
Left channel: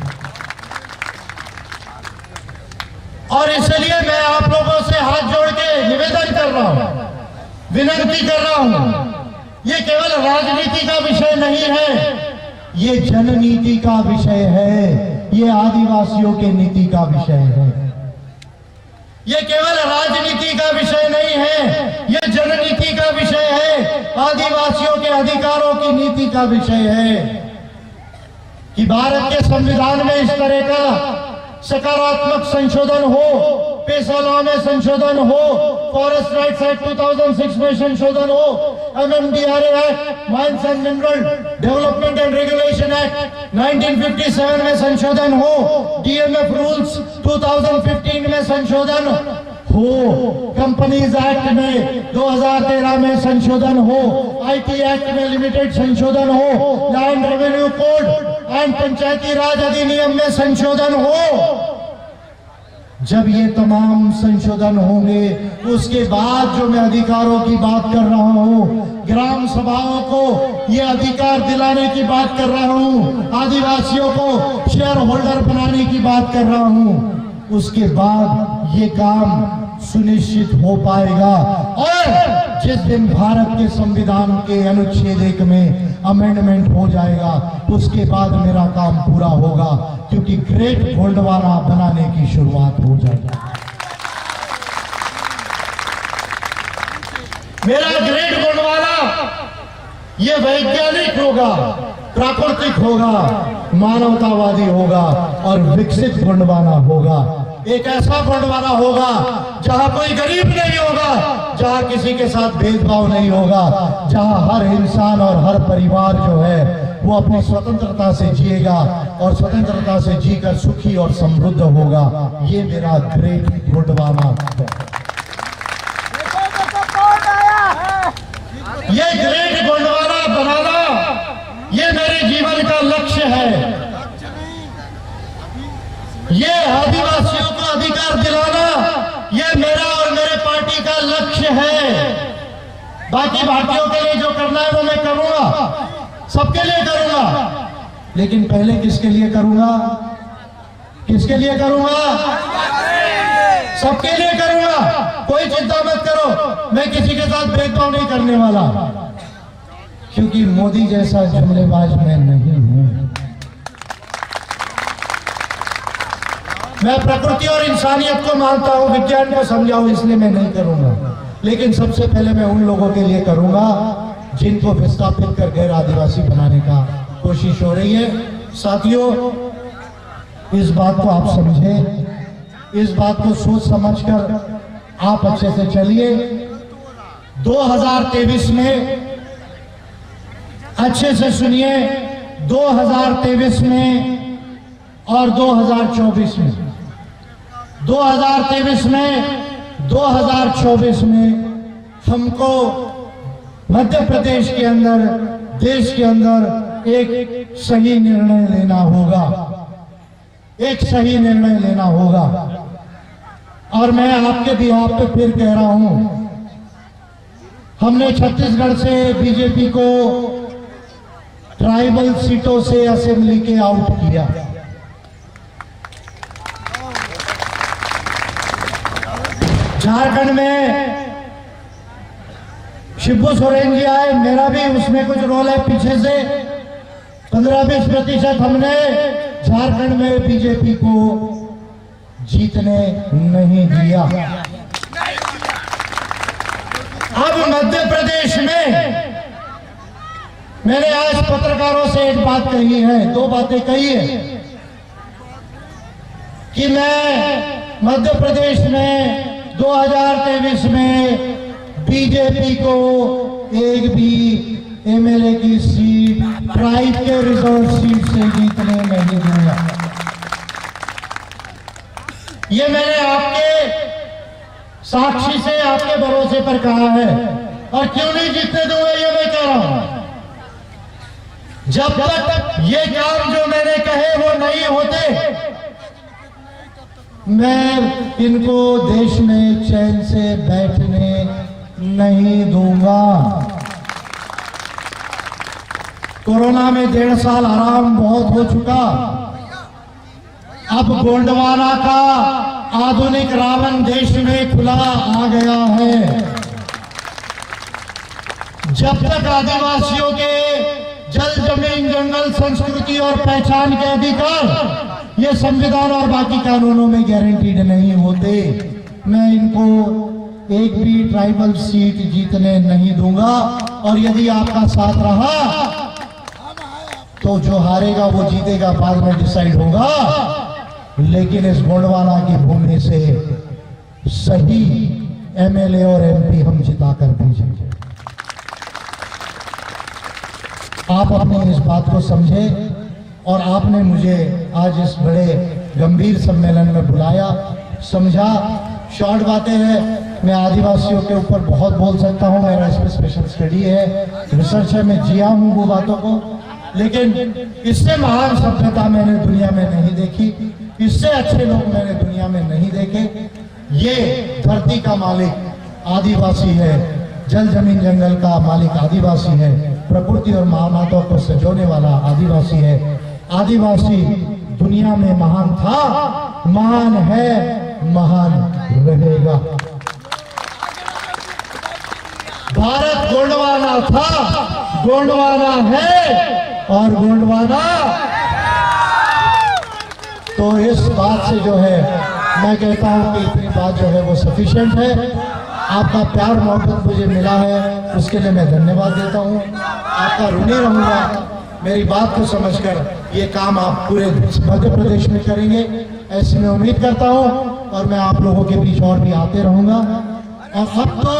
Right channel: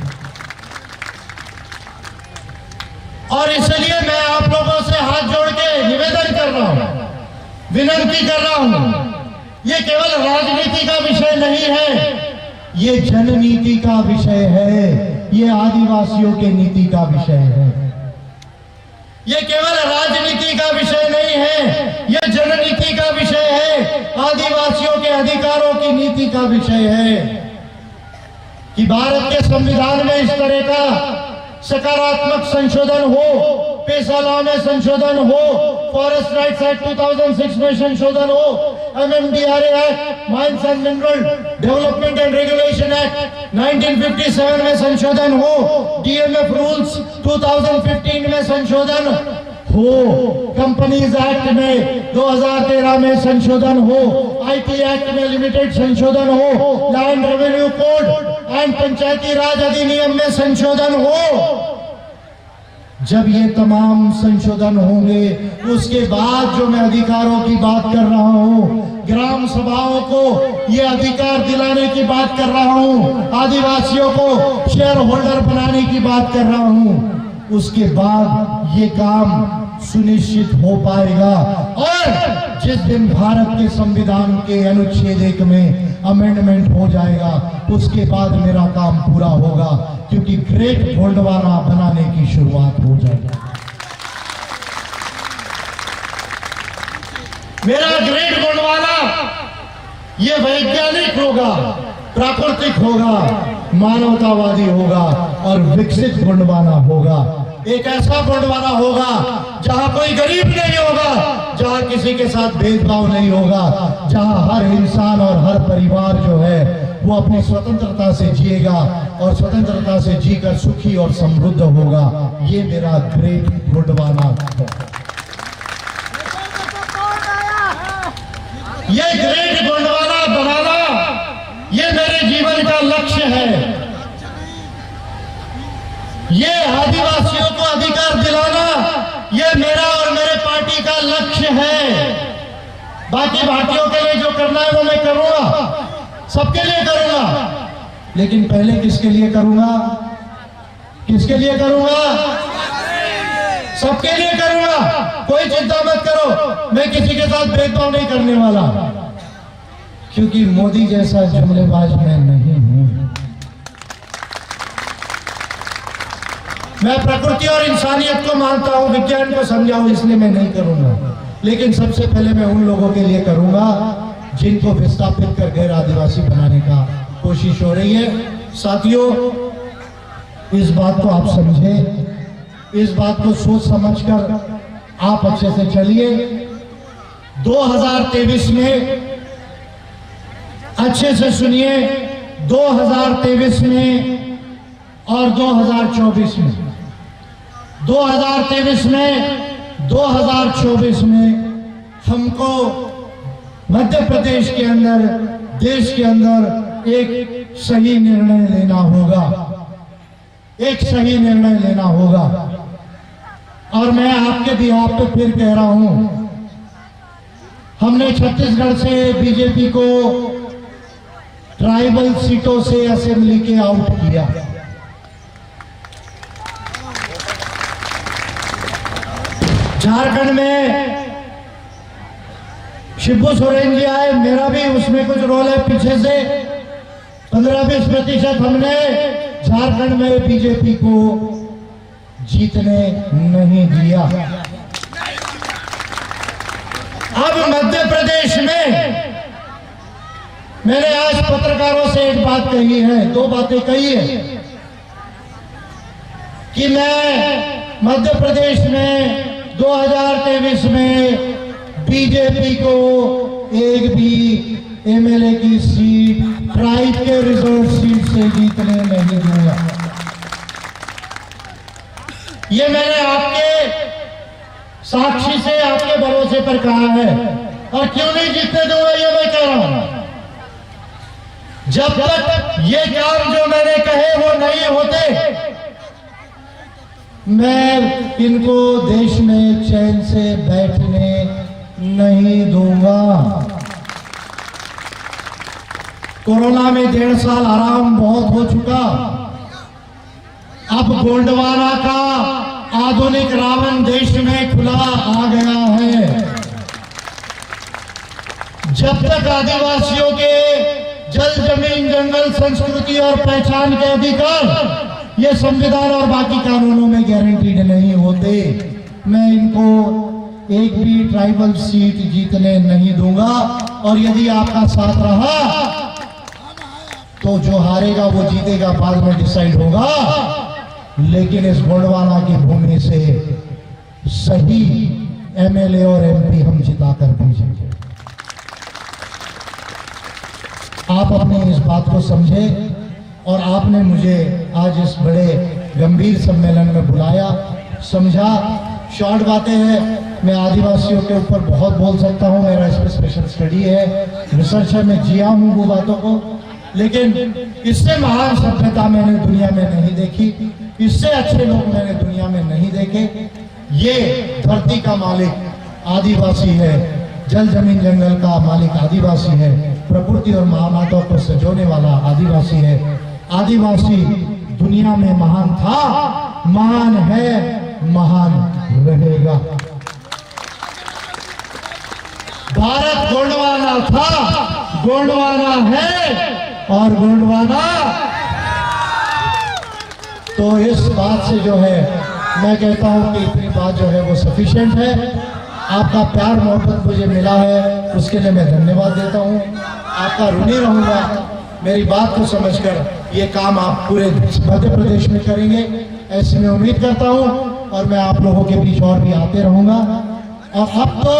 और इसलिए मैं आप लोगों से हाथ जोड़ के निवेदन कर रहा हूं, विनती कर रहा हूं। ये केवल राजनीति का विषय नहीं है, ये जननीति का विषय है, ये आदिवासियों के नीति का विषय है। ये केवल राजनीति का विषय नहीं है, ये जननीति का विषय है, आदिवासियों के अधिकारों की नीति का विषय है। कि भारत के संविधान में इस तरह का सकारात्मक संशोधन हो, पेशा लॉ में संशोधन हो, फॉरेस्ट राइट्स एक्ट 2006 में संशोधन हो, MMDRA act, mines and mineral development and regulation act 1957 में संशोधन हो, DMF रूल्स 2015 में संशोधन हो, कंपनीज एक्ट में 2013 में संशोधन हो, IT एक्ट में लिमिटेड संशोधन हो, लैंड रेवेन्यू कोड एंड पंचायती राज अधिनियम में संशोधन हो। जब ये तमाम संशोधन होंगे उसके बाद जो मैं अधिकारों की बात कर रहा हूँ, ग्राम सभाओं को ये अधिकार दिलाने की बात कर रहा हूँ, आदिवासियों को शेयर होल्डर बनाने की बात कर रहा हूँ, उसके बाद ये काम सुनिश्चित हो पाएगा। और जिस दिन भारत के संविधान के अनुच्छेद 1 में अमेंडमेंट हो जाएगा उसके बाद मेरा काम पूरा होगा, क्योंकि ग्रेट गोंडवाना बनाने की शुरुआत हो जाएगी। मेरा ग्रेट गोंडवाना ये वैज्ञानिक होगा, प्राकृतिक होगा, मानवतावादी होगा और विकसित गोंडवाना होगा। एक ऐसा गोंडवाना होगा जहां कोई गरीब नहीं होगा, जहां किसी के साथ भेदभाव नहीं होगा, जहां हर इंसान और हर परिवार जो है वो अपनी स्वतंत्रता से जिएगा और स्वतंत्रता से जीकर सुखी और समृद्ध होगा। ये मेरा ग्रेट गोंडवाना है। ये ग्रेट गोंडवाना बनाना ये मेरे जीवन का लक्ष्य है। ये आदिवासियों को अधिकार दिलाना ये मेरा और मेरे पार्टी का लक्ष्य है। बाकी भारतीयों के लिए जो करना है वो मैं करूंगा, सबके लिए करूंगा, लेकिन पहले किसके लिए करूंगा? किसके लिए करूंगा? सबके लिए करूंगा। कोई चिंता मत करो, मैं किसी के साथ भेदभाव नहीं करने वाला, क्योंकि मोदी जैसा जुमलेबाज मैं नहीं हूं। मैं प्रकृति और इंसानियत को मानता हूं, विज्ञान को समझाऊं, इसलिए मैं नहीं करूंगा। लेकिन सबसे पहले मैं उन लोगों के लिए करूंगा जिनको विस्थापित कर गैर आदिवासी बनाने का कोशिश हो रही है। साथियों, इस बात को आप समझें, इस बात को सोच समझकर आप अच्छे से चलिए। 2023 में अच्छे से सुनिए, 2023 में और 2024 में, 2023 में 2024 में हमको मध्य प्रदेश के अंदर, देश के अंदर एक सही निर्णय लेना होगा, एक सही निर्णय लेना होगा। और मैं आपके बिहाफ पे फिर कह रहा हूं, हमने छत्तीसगढ़ से बीजेपी को ट्राइबल सीटों से असेंबली के आउट किया। झारखंड में शिबू सोरेन जी आए, मेरा भी उसमें कुछ रोल है पीछे से। 15-20% हमने झारखंड में बीजेपी को जीतने नहीं दिया। अब मध्य प्रदेश में मैंने आज पत्रकारों से एक बात कही है, दो बातें कही है कि मैं मध्य प्रदेश में 2023 में बीजेपी को एक भी एमएलए की सीट ट्राइब के रिजर्व सीट से जीतने नहीं दूंगा। ये मैंने आपके साक्षी से, आपके भरोसे पर कहा है। और क्यों नहीं जीतने दूंगा ये मैं कह रहा हूं, जब तक ये काम जो मैंने कहे वो नहीं होते, मैं इनको देश में चैन से बैठने नहीं दूंगा। कोरोना में 1.5 साल आराम बहुत हो चुका। अब गोंडवाना का आधुनिक रावण देश में खुला आ गया है। जब तक आदिवासियों के जल, जमीन, जंगल, संस्कृति और पहचान के अधिकार ये संविधान और बाकी कानूनों में गारंटीड नहीं होते, मैं इनको एक भी ट्राइबल सीट जीतने नहीं दूंगा। और यदि आपका साथ रहा तो जो हारेगा वो जीतेगा, बाद में डिसाइड होगा। लेकिन इस गोंडवाना की भूमि से सही एमएलए और एमपी हम जिता कर भेजेंगे। आप अपनी इस बात को समझें और आपने मुझे आज इस बड़े गंभीर सम्मेलन में बुलाया, समझा। शॉर्ट बातें हैं, मैं आदिवासियों के ऊपर बहुत बोल सकता हूँ, मेरा इस पर स्पेशल स्टडी है, रिसर्च है, मैं जिया हूँ वो बातों को, लेकिन इससे महान सभ्यता मैंने दुनिया में नहीं देखी, इससे अच्छे लोग मैंने दुनिया में नहीं देखे। ये धरती का मालिक आदिवासी है, जल जमीन जंगल का मालिक आदिवासी है, प्रकृति और महामाताओं को सजोने वाला आदिवासी है। आदिवासी दुनिया में महान था, महान है, महान रहेगा। भारत गोंडवाना था, गोंडवाना है और गोंडवाना। तो इस बात से जो है मैं कहता हूं कि इतनी बात जो है वो सफिशिएंट है। आपका प्यार मोहब्बत मुझे मिला है, उसके लिए मैं धन्यवाद देता हूं। आपका ऋणी रहूंगा। मेरी बात को समझकर ये काम आप पूरे मध्य प्रदेश में करेंगे, ऐसी मैं उम्मीद करता हूं, और मैं आप लोगों के बीच और भी आते रहूंगा। और अब तो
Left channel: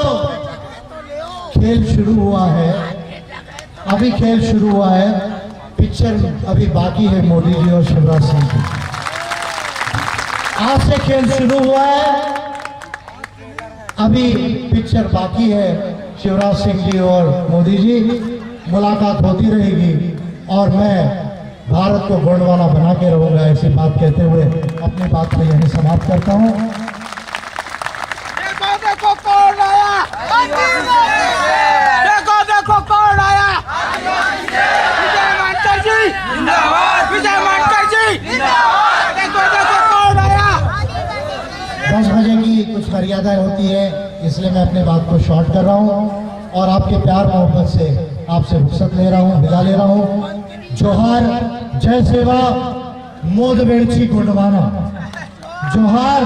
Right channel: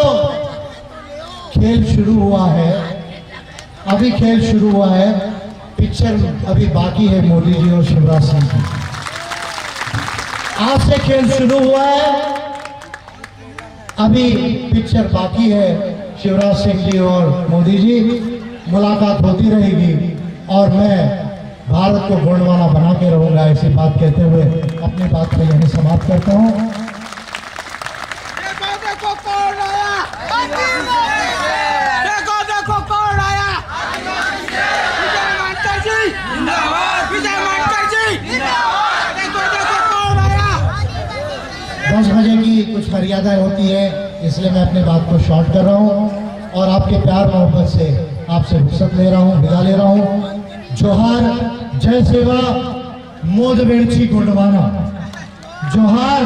खेल शुरू हुआ है, अभी खेल शुरू हुआ है, पिक्चर अभी बाकी है मोदी जी और शिवराज सिंह की। आज से खेल शुरू हुआ है, अभी पिक्चर बाकी है। शिवराज सिंह जी और मोदी जी मुलाकात होती रहेगी और मैं भारत को गोंडवाना बना के रहूंगा। ऐसी बात कहते हुए अपनी बात को यहीं समाप्त करता हूं। देखो कौन आया, देखो कौन आया। विजय मानकर जी जिंदाबाद, विजय मानकर जी जिंदाबाद। देखो कौन आया। 10 बजे की कुछ मर्यादाएं होती है, इसलिए मैं अपनी बात को शॉर्ट कर रहा हूं और आपके प्यार मोहब्बत से आपसे रुखसत ले रहा हूं, विदा ले रहा हूं। जोहार, जय सेवा, मोद वेड़ची गोंडवाना। जोहार,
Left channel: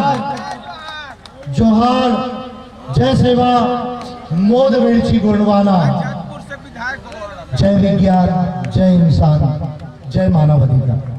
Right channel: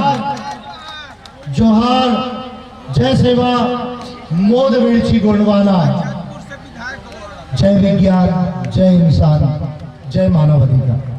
जोहार, जय सेवा, मोद वेड़ची गोंडवाना। जय विज्ञान, जय इंसान, जय मानव अधिकार।